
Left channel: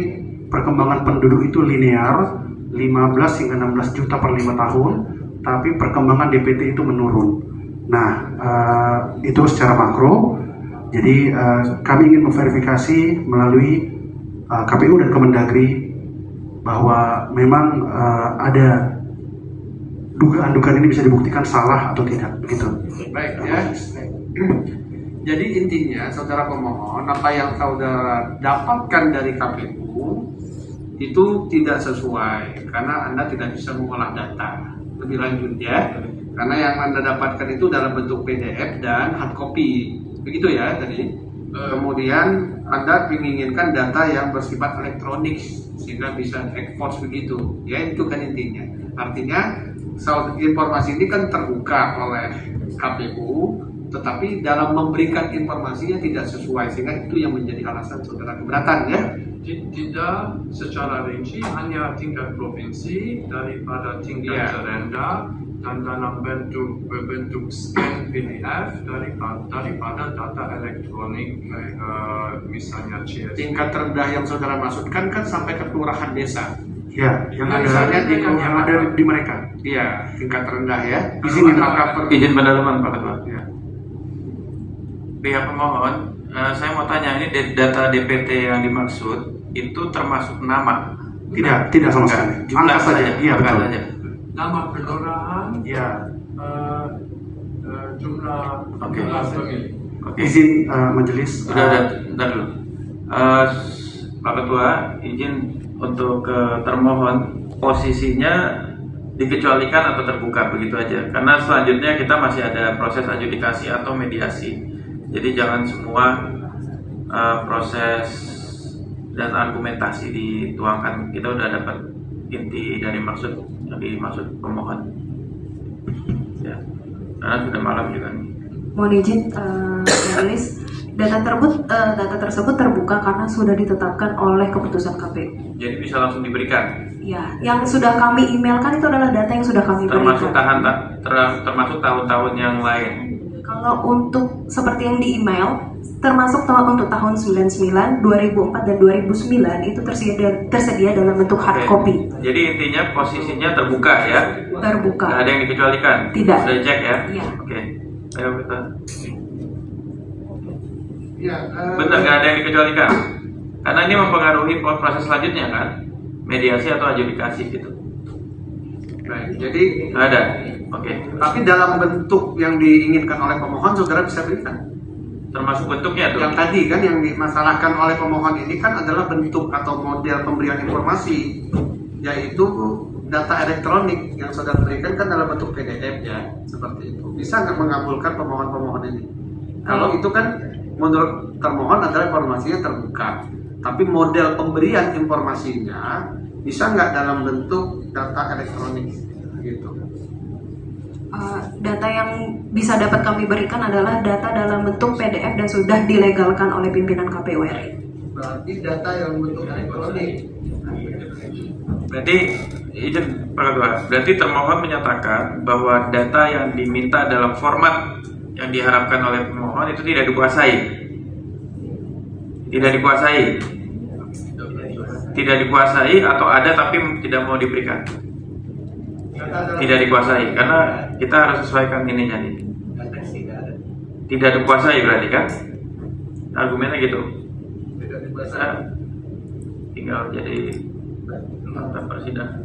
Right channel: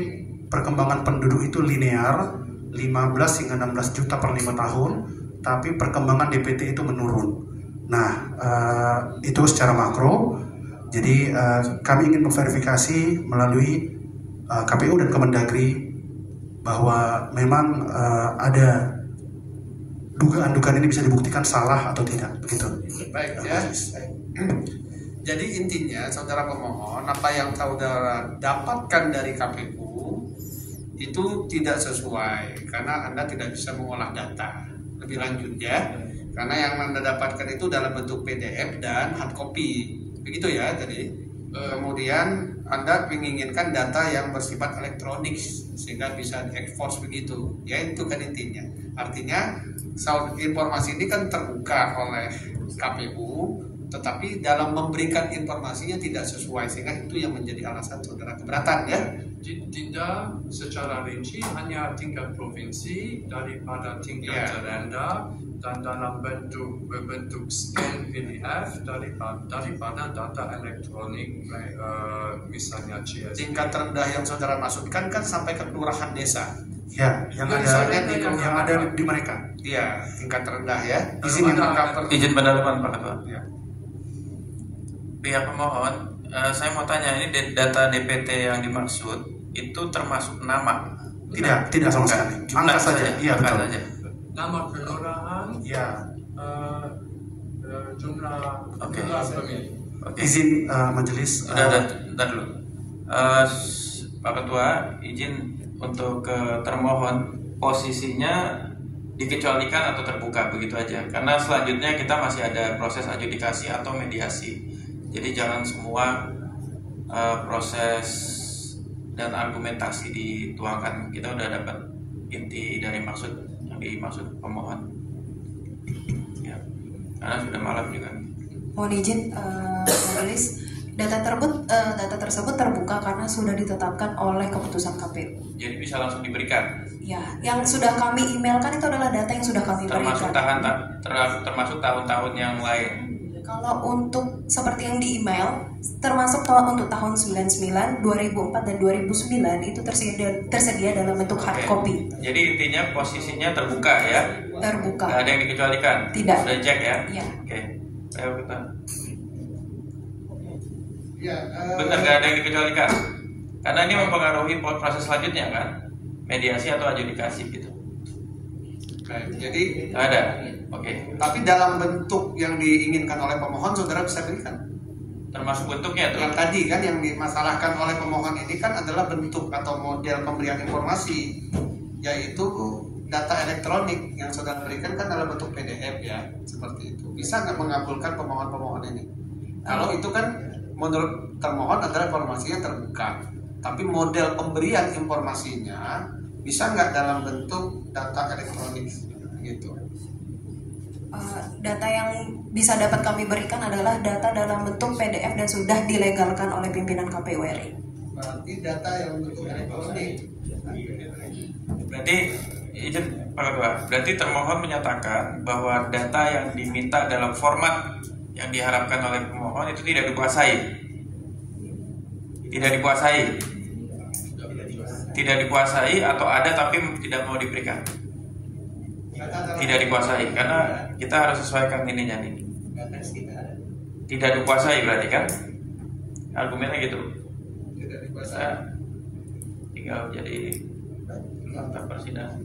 perkembangan penduduk itu linear 15 hingga 16 juta per 5 tahun, tapi perkembangan DPT itu menurun. Nah, itu secara makro. Jadi kami ingin memverifikasi melalui KPU dan Kemendagri bahwa memang ada dugaan-dugaan ini bisa dibuktikan salah atau tidak, begitu. Baik ya. Jadi intinya saudara pemohon, apa yang saudara dapatkan dari KPU itu tidak sesuai karena Anda tidak bisa mengolah data lebih lanjut ya. Karena yang Anda dapatkan itu dalam bentuk PDF dan hard copy. Begitu ya tadi. Kemudian Anda menginginkan data yang bersifat elektronik sehingga bisa ekspor begitu. Ya itu kan intinya. Artinya informasi ini kan terbuka oleh KPU, tetapi dalam memberikan informasinya tidak sesuai sehingga itu yang menjadi alasan saudara keberatan ya. Tidak secara rinci, hanya tingkat provinsi daripada tingkat terendah dan dalam berbentuk scan PDF daripada data elektronik, misalnya CS. Tingkat terendah yang saudara maksudkan kan sampai ke kelurahan desa. Ya, yang ada di mereka. Iya, tingkat rendah ya. Izin pendalaman Pak Ketua. Ya. Pihak pemohon, saya mau tanya, ini data DPT yang dimaksud itu termasuk nama? Tidak sama sekali. Angka saja. Iya, betul. Saja. Nama kelurahan, jumlah pemilih. Izin majelis. Udah dulu. Pak Ketua, izin untuk termohon posisinya dikecualikan atau terbuka begitu aja. Karena selanjutnya kita masih ada proses adjudikasi atau mediasi. Jadi jangan semua proses dan argumentasi dituangkan. Kita udah dapat inti dari yang dimaksud pemohon. Ya, karena sudah malam juga. Mohon izin, majelis, data tersebut terbuka karena sudah ditetapkan oleh keputusan KPU. Jadi bisa langsung diberikan. Ya, yang sudah kami emailkan itu adalah data yang sudah kami berikan. Termasuk tahun-tahun yang lain. Kalau untuk seperti yang di email, termasuk untuk tahun 99, 2004 dan 2009 itu tersedia dalam bentuk hard copy. Jadi intinya posisinya terbuka ya. Terbuka. Nggak ada yang dikecualikan. Tidak. Sudah cek ya. Iya. Oke. Ayo kita. Ya, benar nggak ada yang dikecualikan. Karena ini mempengaruhi proses selanjutnya kan, mediasi atau adjudikasi gitu. Baik, jadi Nggak ada. Oke. tapi dalam bentuk yang diinginkan oleh pemohon saudara bisa berikan. Termasuk bentuknya tuh. Yang tadi kan yang dimasalahkan oleh pemohon ini kan adalah bentuk atau model pemberian informasi, yaitu data elektronik yang saudara berikan kan dalam bentuk PDF ya, seperti itu. Bisa nggak mengabulkan pemohon ini? Kalau itu kan menurut termohon adalah informasinya terbuka, tapi model pemberian informasinya bisa nggak dalam bentuk data elektronik gitu? Data yang bisa dapat kami berikan adalah data dalam bentuk PDF dan sudah dilegalkan oleh pimpinan KPU RI. Berarti data yang bentuk elektronik. Berarti izin Pak Ketua, berarti termohon menyatakan bahwa data yang diminta dalam format yang diharapkan oleh pemohon itu tidak dikuasai. Tidak dikuasai atau ada tapi tidak mau diberikan. Tidak dikuasai karena kita harus sesuaikan ininya nih. Tidak dikuasai berarti kan? Argumennya gitu. Tidak dikuasai. Nah, tinggal jadi fakta persidangan.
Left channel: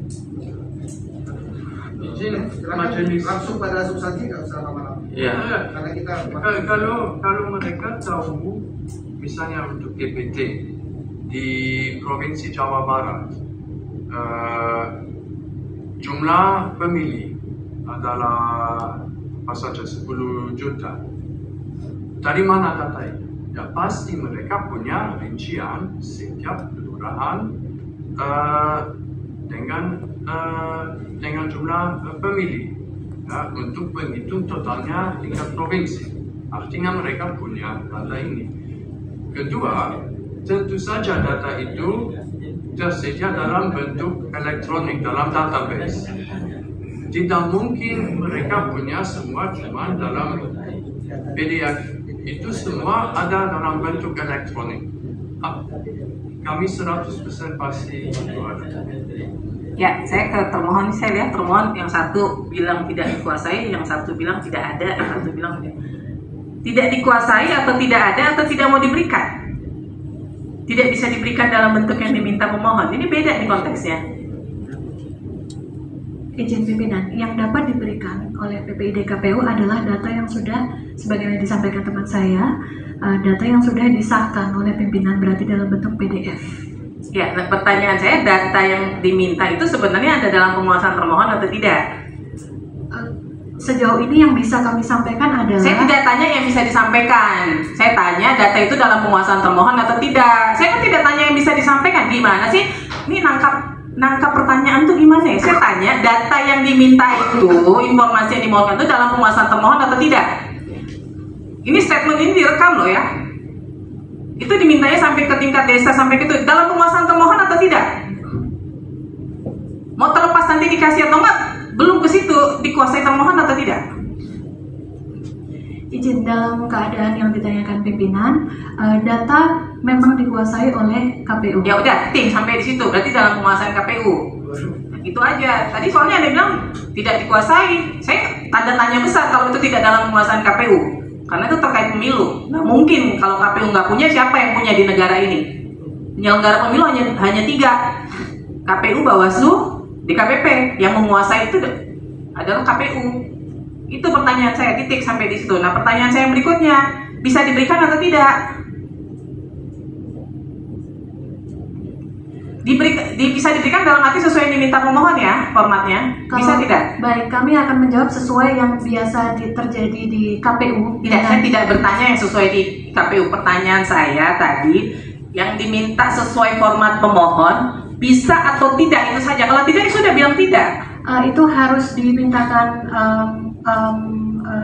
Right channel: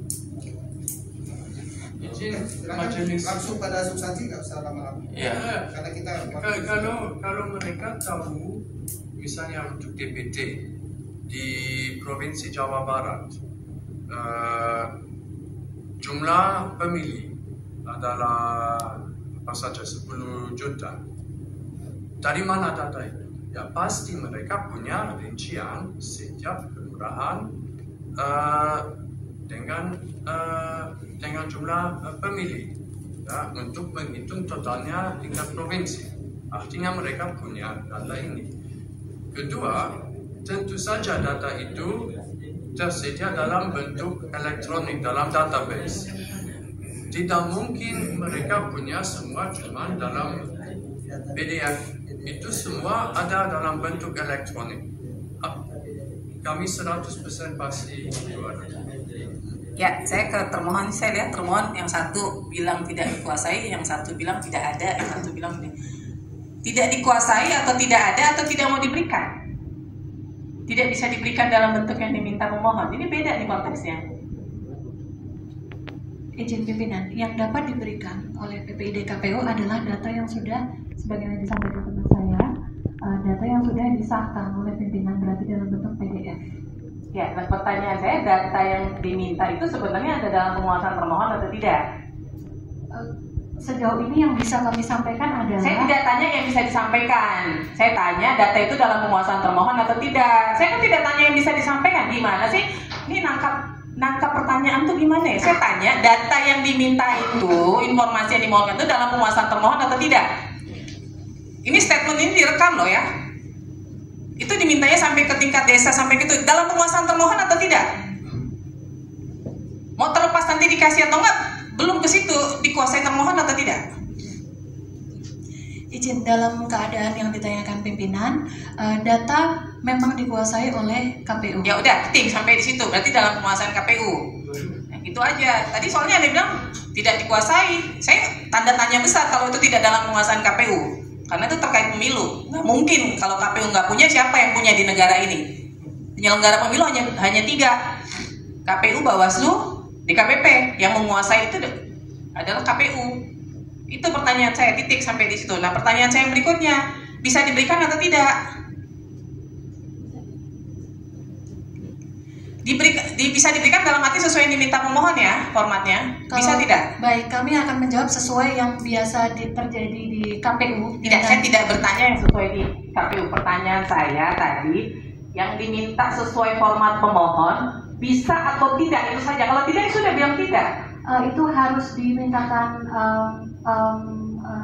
Izin majelis. Langsung pada substansi nggak usah lama-lama. Iya. Karena kita Kalau mereka tahu, misalnya untuk DPT di Provinsi Jawa Barat, jumlah pemilih adalah apa saja 10 juta. Dari mana data itu? Ya pasti mereka punya rincian setiap kelurahan dengan jumlah pemilih ya, untuk menghitung totalnya tingkat provinsi. Artinya mereka punya data ini. Kedua, tentu saja data itu tersedia dalam bentuk elektronik dalam database. Tidak mungkin mereka punya semua cuma dalam PDF. Itu semua ada dalam bentuk elektronik. Kami 100% pasti itu ada. Ya, saya ke termohon, saya lihat termohon yang satu bilang tidak dikuasai, yang satu bilang tidak ada, yang satu bilang tidak dikuasai atau tidak ada atau tidak mau diberikan. Tidak bisa diberikan dalam bentuk yang diminta pemohon. Ini beda nih konteksnya. Izin pimpinan, yang dapat diberikan oleh PPID KPU adalah data yang sudah, sebagaimana disampaikan teman saya, data yang sudah disahkan oleh pimpinan, berarti dalam bentuk PDF. Ya, nah pertanyaan saya, data yang diminta itu sebenarnya ada dalam penguasaan termohon atau tidak? Sejauh ini yang bisa kami sampaikan adalah... Saya tidak tanya yang bisa disampaikan. Saya tanya data itu dalam penguasaan termohon atau tidak. Saya kan tidak tanya yang bisa disampaikan. Gimana sih? Ini nangkap pertanyaan tuh gimana ya? Saya tanya data yang diminta itu, informasi yang dimohonkan itu dalam penguasaan termohon atau tidak? Ini statement ini direkam loh ya. Itu dimintanya sampai ke tingkat desa, sampai gitu. Dalam penguasaan termohon atau tidak? Mau terlepas nanti dikasih atau enggak? Belum ke situ, dikuasai termohon atau tidak? Izin, dalam keadaan yang ditanyakan pimpinan, data memang dikuasai oleh KPU. Ya udah, ting sampai di situ. Berarti dalam penguasaan KPU. Nah, itu aja. Tadi soalnya ada yang bilang tidak dikuasai. Saya tanda tanya besar kalau itu tidak dalam penguasaan KPU. Karena itu terkait pemilu. Nggak mungkin kalau KPU nggak punya, siapa yang punya di negara ini? Penyelenggara pemilu hanya 3. KPU, Bawaslu, DKPP. Yang menguasai itu adalah KPU. Itu pertanyaan saya, titik sampai di situ. Nah, pertanyaan saya yang berikutnya, bisa diberikan atau tidak? Bisa diberikan dalam arti sesuai yang diminta pemohon ya, formatnya. Bisa tidak? Baik, kami akan menjawab sesuai yang biasa terjadi di KPU. Tidak, saya tidak bertanya yang sesuai di KPU. Pertanyaan saya tadi, yang diminta sesuai format pemohon, bisa atau tidak, itu saja. Kalau tidak, ya sudah bilang tidak. Itu harus dimintakan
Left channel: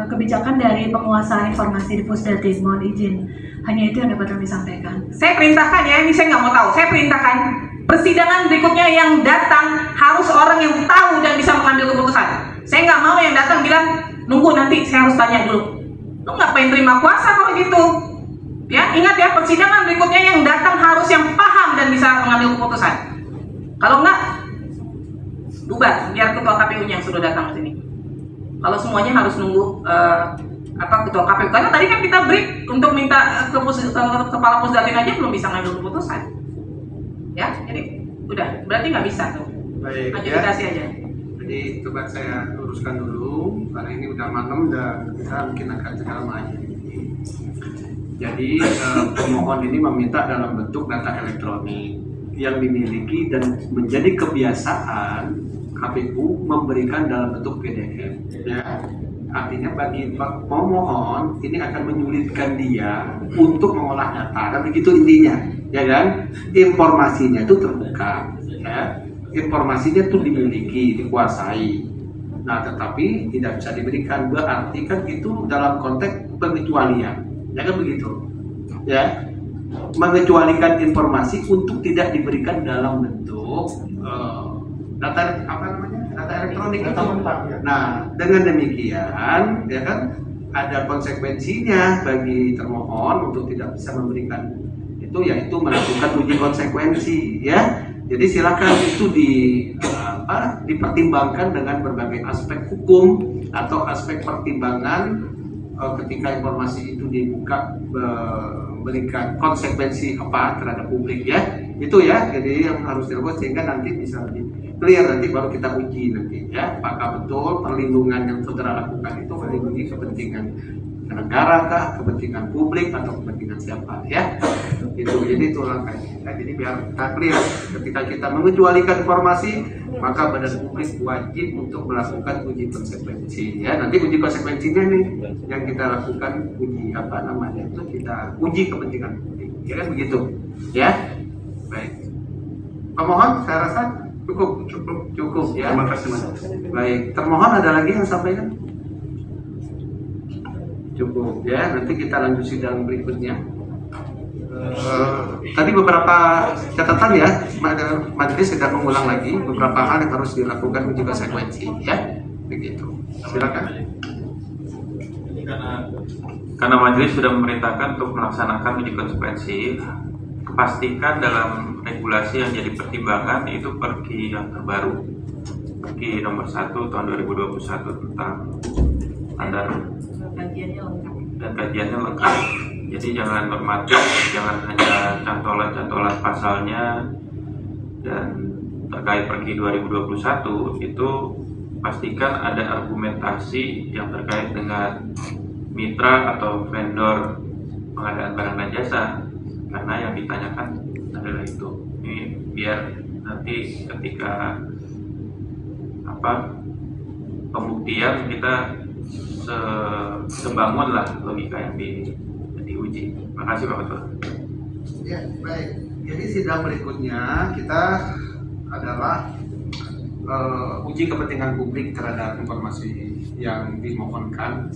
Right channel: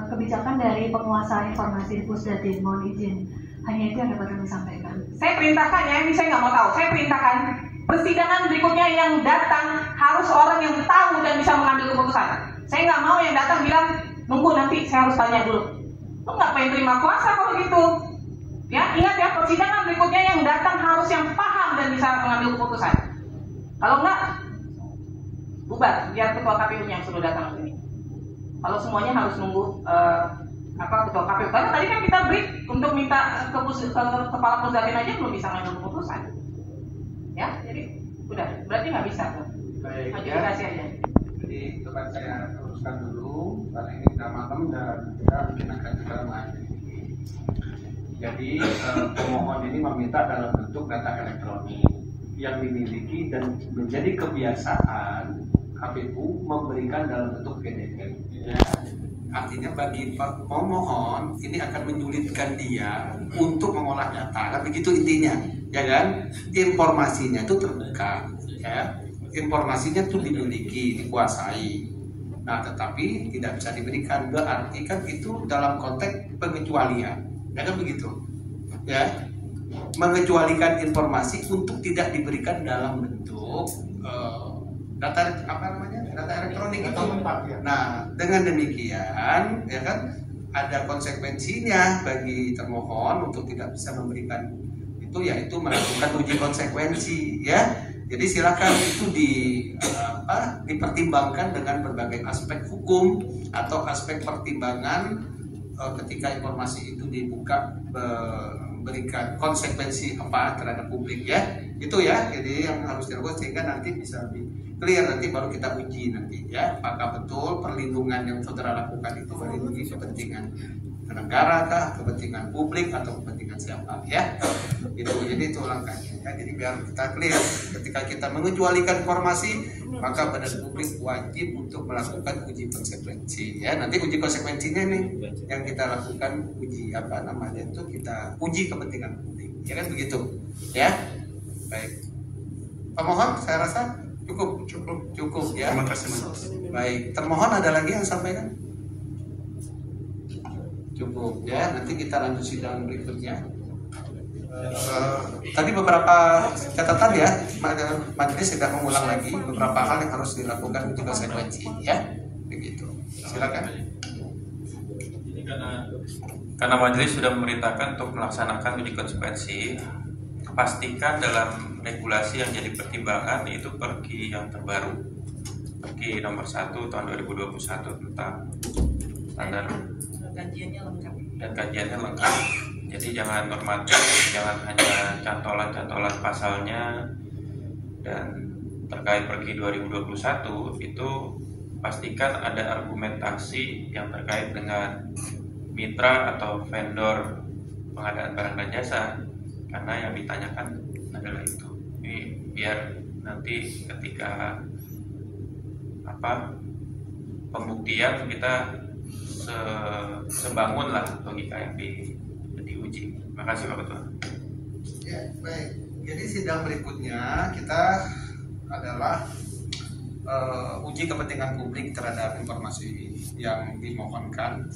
kebijakan dari penguasa informasi di Pusdatin. Mohon izin, hanya itu yang dapat kami sampaikan. Saya perintahkan ya, ini saya nggak mau tahu. Saya perintahkan persidangan berikutnya yang datang harus orang yang tahu dan bisa mengambil keputusan. Saya nggak mau yang datang bilang nunggu nanti saya harus tanya dulu. Lu ngapain terima kuasa kalau gitu? Ya, ingat ya, persidangan berikutnya yang datang harus yang paham dan bisa mengambil keputusan. Kalau enggak, bubar, biar ketua KPU-nya yang sudah datang ke sini. Kalau semuanya harus nunggu ketua KPU, karena tadi kan kita break untuk minta kepala Pusdatin aja belum bisa ngambil keputusan. Ya, jadi udah, berarti nggak bisa tuh. Baik, adjudikasi aja. Jadi coba saya luruskan dulu, karena ini udah malam dan kita mungkin akan segera mengakhiri. Jadi pemohon ini meminta dalam bentuk data elektronik yang dimiliki dan menjadi kebiasaan KPU memberikan dalam bentuk PDF. Ya. Artinya bagi pemohon ini akan menyulitkan dia untuk mengolah data, kan begitu intinya, ya kan? Informasinya itu terbuka, ya. Informasinya itu dimiliki, dikuasai. Nah, tetapi tidak bisa diberikan, berarti kan itu dalam konteks pengecualian, ya kan begitu, ya. Mengecualikan informasi untuk tidak diberikan dalam bentuk data elektronik itu. Nah, dengan demikian ya kan ada konsekuensinya bagi termohon untuk tidak bisa memberikan itu, yaitu melakukan uji konsekuensi ya. Jadi silakan itu dipertimbangkan dengan berbagai aspek hukum atau aspek pertimbangan ketika informasi itu dibuka, memberikan konsekuensi apa terhadap publik ya. Itu ya, jadi yang harus dilakukan sehingga nanti bisa lebih clear, nanti baru kita uji nanti ya, apakah betul perlindungan yang saudara lakukan itu melindungi kepentingan negara kah, kepentingan publik atau kepentingan siapa ya. Itu jadi itu langkahnya ya. Jadi biar kita clear, ketika kita mengecualikan informasi maka badan publik wajib untuk melakukan uji konsekuensi ya. Nanti uji konsekuensinya nih yang kita lakukan, uji itu kita uji kepentingan publik ya kan begitu ya. Baik, pemohon saya rasa cukup ya. Terima kasih Mas. Baik, termohon ada lagi yang sampaikan? Cukup ya, nanti kita lanjut sidang berikutnya. Tadi beberapa catatan ya, majelis tidak mengulang lagi beberapa hal yang harus dilakukan uji konsekuensi ya, begitu. Silakan. Karena majelis sudah memerintahkan untuk melaksanakan uji konsekuensi, pastikan dalam regulasi yang jadi pertimbangan itu Perki yang terbaru, Perki nomor 1 tahun 2021 tentang standar dan kajiannya lengkap. Jadi jangan normatif, jangan hanya cantolan-cantolan pasalnya. Dan terkait Perki 2021 itu pastikan ada argumentasi yang terkait dengan mitra atau vendor pengadaan barang dan jasa, karena yang ditanyakan adalah itu. Ini biar nanti ketika pembuktian kita sebangun lah logika yang diuji. Makasih Pak Ketua. Ya, baik. Jadi sidang berikutnya kita adalah uji kepentingan publik terhadap informasi yang dimohonkan.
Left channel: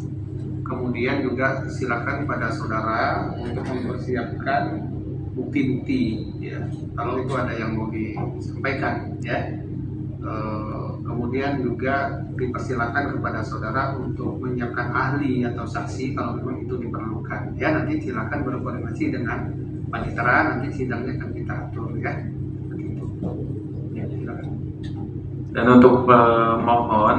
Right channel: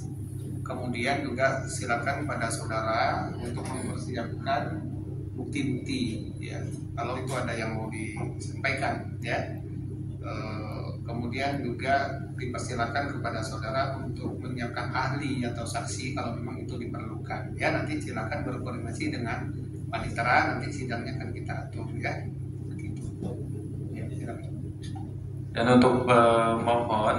Kemudian juga silakan pada saudara untuk mempersiapkan bukti-bukti, ya. Kalau itu ada yang mau disampaikan, ya. Kemudian juga dipersilakan kepada saudara untuk menyiapkan ahli atau saksi kalau memang itu diperlukan. Ya, nanti silakan berkoordinasi dengan panitera, nanti sidangnya akan kita atur, ya. Begitu. Ya, silakan. Dan untuk mohon,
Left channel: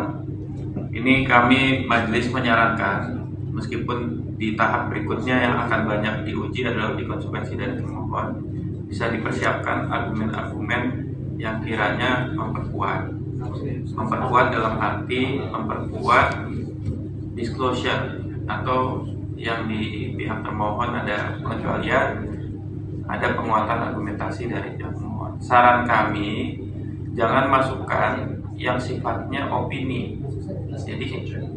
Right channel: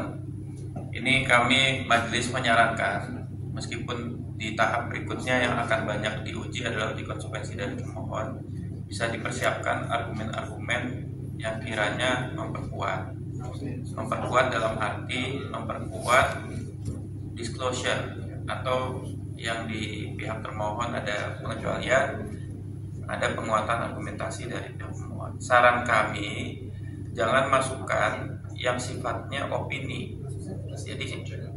ini kami majelis menyarankan, meskipun di tahap berikutnya yang akan banyak diuji adalah uji konsekuensi dari termohon, bisa dipersiapkan argumen-argumen yang kiranya memperkuat dalam arti memperkuat disclosure, atau yang di pihak termohon ada pengecualian, ada penguatan argumentasi dari pihak termohon. Saran kami, jangan masukkan yang sifatnya opini.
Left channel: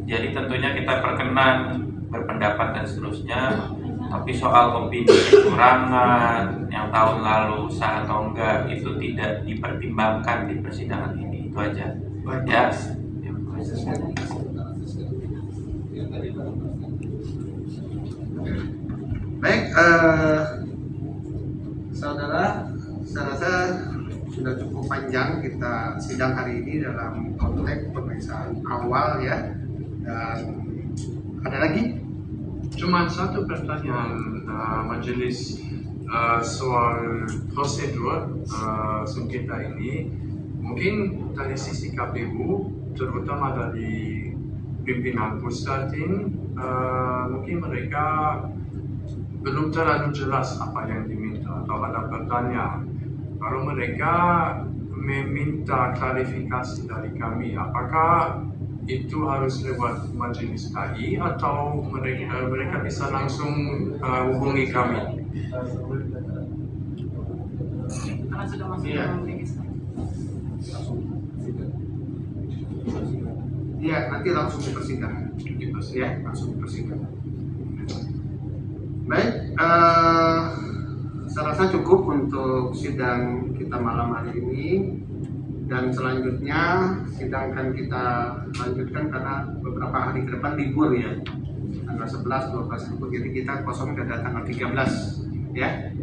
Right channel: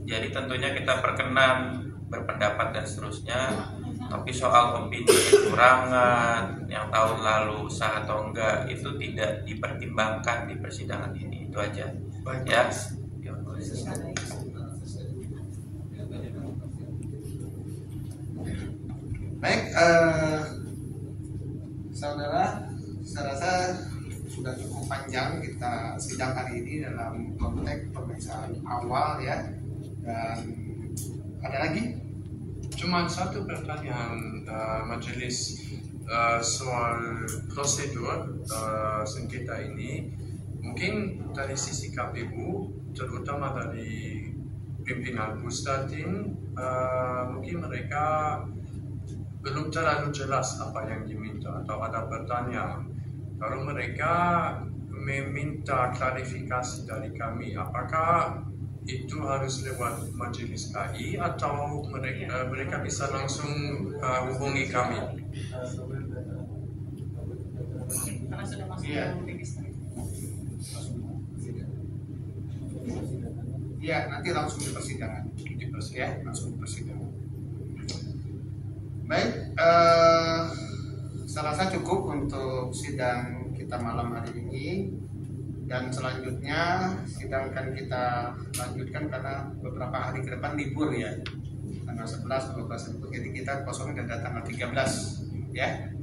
Jadi tentunya kita perkenan berpendapat dan seterusnya, tapi soal opini kecurangan yang tahun lalu sah atau enggak itu tidak dipertimbangkan di persidangan ini. Itu aja. Ya. Baik, saudara, saya rasa sudah cukup panjang kita sidang hari ini dalam konteks pemeriksaan awal, ya. Dan ada lagi? Cuma satu pertanyaan majelis soal prosedur sengketa ini. Mungkin dari sisi KPU, terutama dari pimpinan Pustatin, mungkin mereka belum terlalu jelas apa yang diminta atau ada pertanyaan. Kalau mereka meminta klarifikasi dari kami, apakah itu harus lewat majelis KI atau mereka bisa langsung hubungi kami? Karena sudah masuk dalam register. Iya, nanti langsung di persidangan. Ya, langsung di persidangan. Baik, saya rasa cukup untuk sidang kita malam hari ini. Dan selanjutnya sidang akan kita lanjutkan karena beberapa hari ke depan libur, ya. Tanggal 11, 12 libur. Jadi kita kosong ada tanggal 13, ya.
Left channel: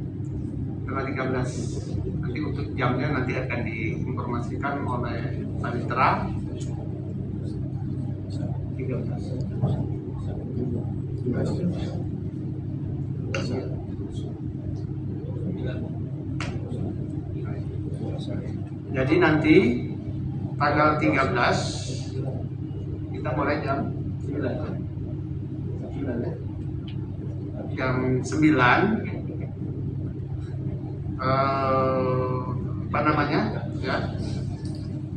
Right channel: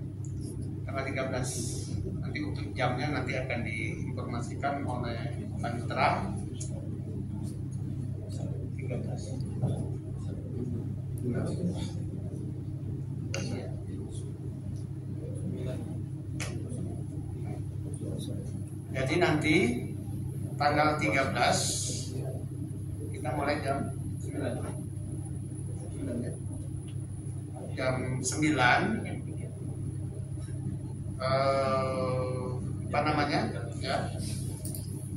Tanggal 13. Nanti untuk jamnya nanti akan diinformasikan oleh panitera. 13. Jadi nanti tanggal 13 kita mulai jam 9. Jam 9 ya,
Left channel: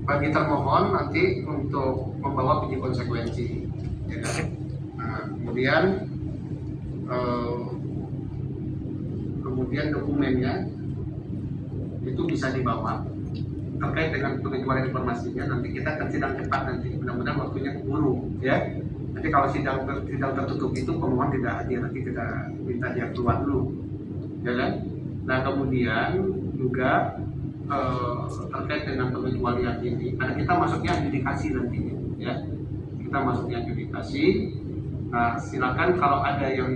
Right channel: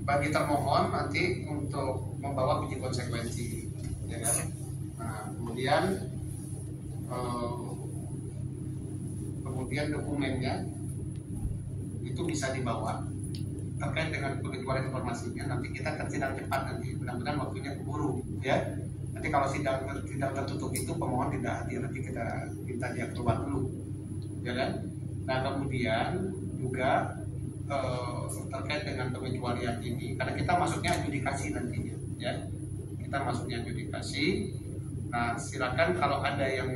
bagi termohon nanti untuk membawa uji konsekuensi, ya kan? Nah, kemudian dokumennya itu bisa dibawa terkait dengan pengecualian informasinya. Nanti kita akan sidang cepat nanti, mudah-mudahan waktunya keburu, ya. Nanti kalau sidang tertutup itu pemohon tidak hadir, nanti kita minta dia keluar dulu, ya kan? Nah, kemudian juga terkait dengan pengecualian ini, karena kita masuknya adjudikasi nantinya, ya. Kita masuknya adjudikasi. Nah, silakan kalau ada yang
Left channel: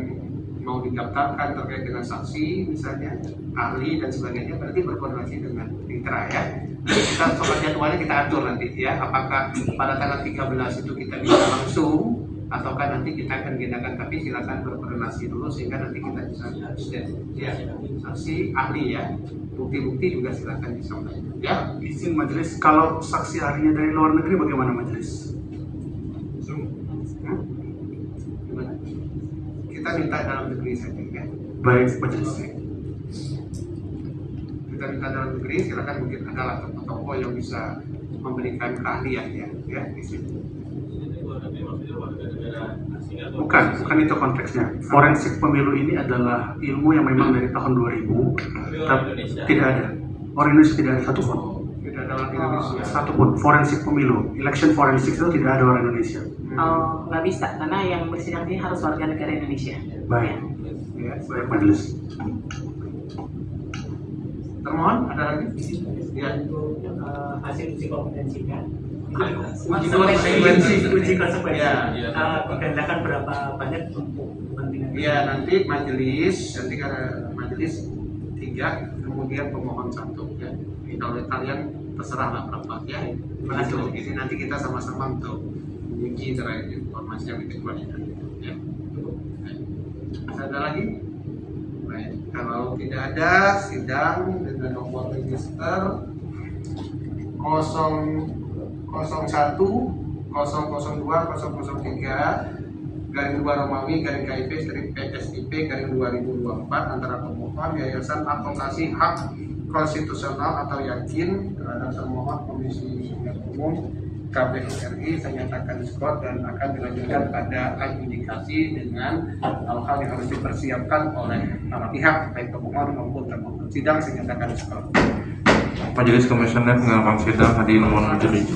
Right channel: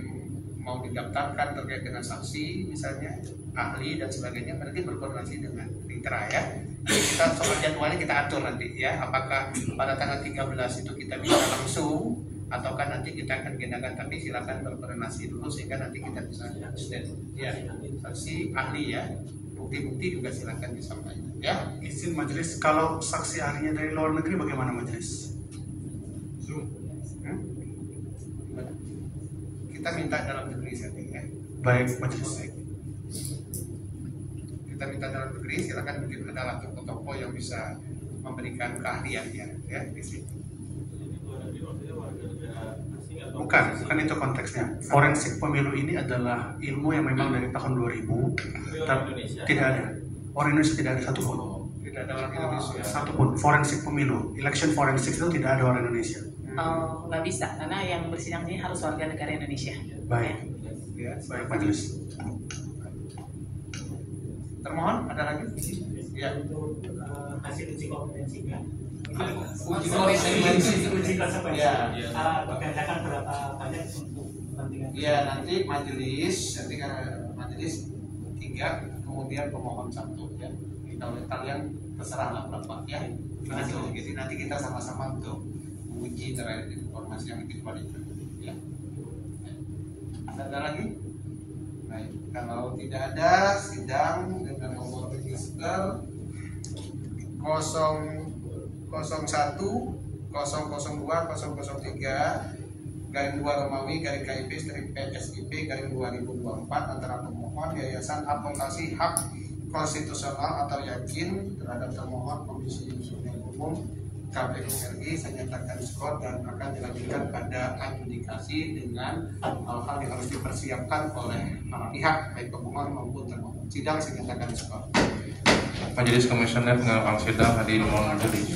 mau didaftarkan terkait dengan saksi, misalnya ahli dan sebagainya, berarti berkoordinasi dengan mitra, ya. Kita soal jadwalnya kita atur nanti, ya. Apakah pada tanggal 13 itu kita bisa langsung ataukah nanti kita akan gedakan, tapi silakan berkoordinasi dulu sehingga nanti kita bisa ya, saksi ahli, ya. Bukti-bukti juga silakan disampaikan, ya. Izin majelis, kalau saksi ahlinya dari luar negeri bagaimana majelis? Kita minta dalam negeri saja, ya. Baik majelis. Kita minta dalam negeri, silakan, mungkin adalah tokoh-tokoh yang bisa memberikan keahlian, ya. ya di situ. Bukan itu konteksnya. Forensik pemilu ini adalah ilmu yang memang dari tahun 2000, tapi tidak ada. Orang Indonesia tidak ada satupun. Tidak ada orang Indonesia. Satupun. Forensik pemilu, election forensics itu tidak ada orang Indonesia. Oh, nggak bisa karena yang bersidang ini harus warga negara Indonesia. Baik. Ya, Baik majelis. termohon ada lagi? Ya. Hasil uji kompetensinya. Uji kompetensi. Ya. Digandakan berapa banyak untuk kepentingan? Iya, nanti nanti karena majelis 3, kemudian pemohon 1 ya. Kalau kalian terserah lah berapa ya. Begitu. Jadi nanti kita sama-sama untuk menguji terkait informasi yang dikecualikan ya. Ada lagi? Baik. Kalau tidak ada, sidang dengan nomor register 001 002 003 _2 Romawi _KIP _PSIP _2024 antara pemohon Yayasan Advokasi Hak Konstitusional atau yakin terhadap termohon Komisi Pemilihan Umum KPU RI. Saya nyatakan skor dan akan dilanjutkan pada adjudikasi dengan hal-hal yang harus dipersiapkan oleh para pihak baik pemohon maupun termohon. Sidang saya nyatakan skor. Majelis Komisioner Pengarang Sidang hadirin mohon majelis.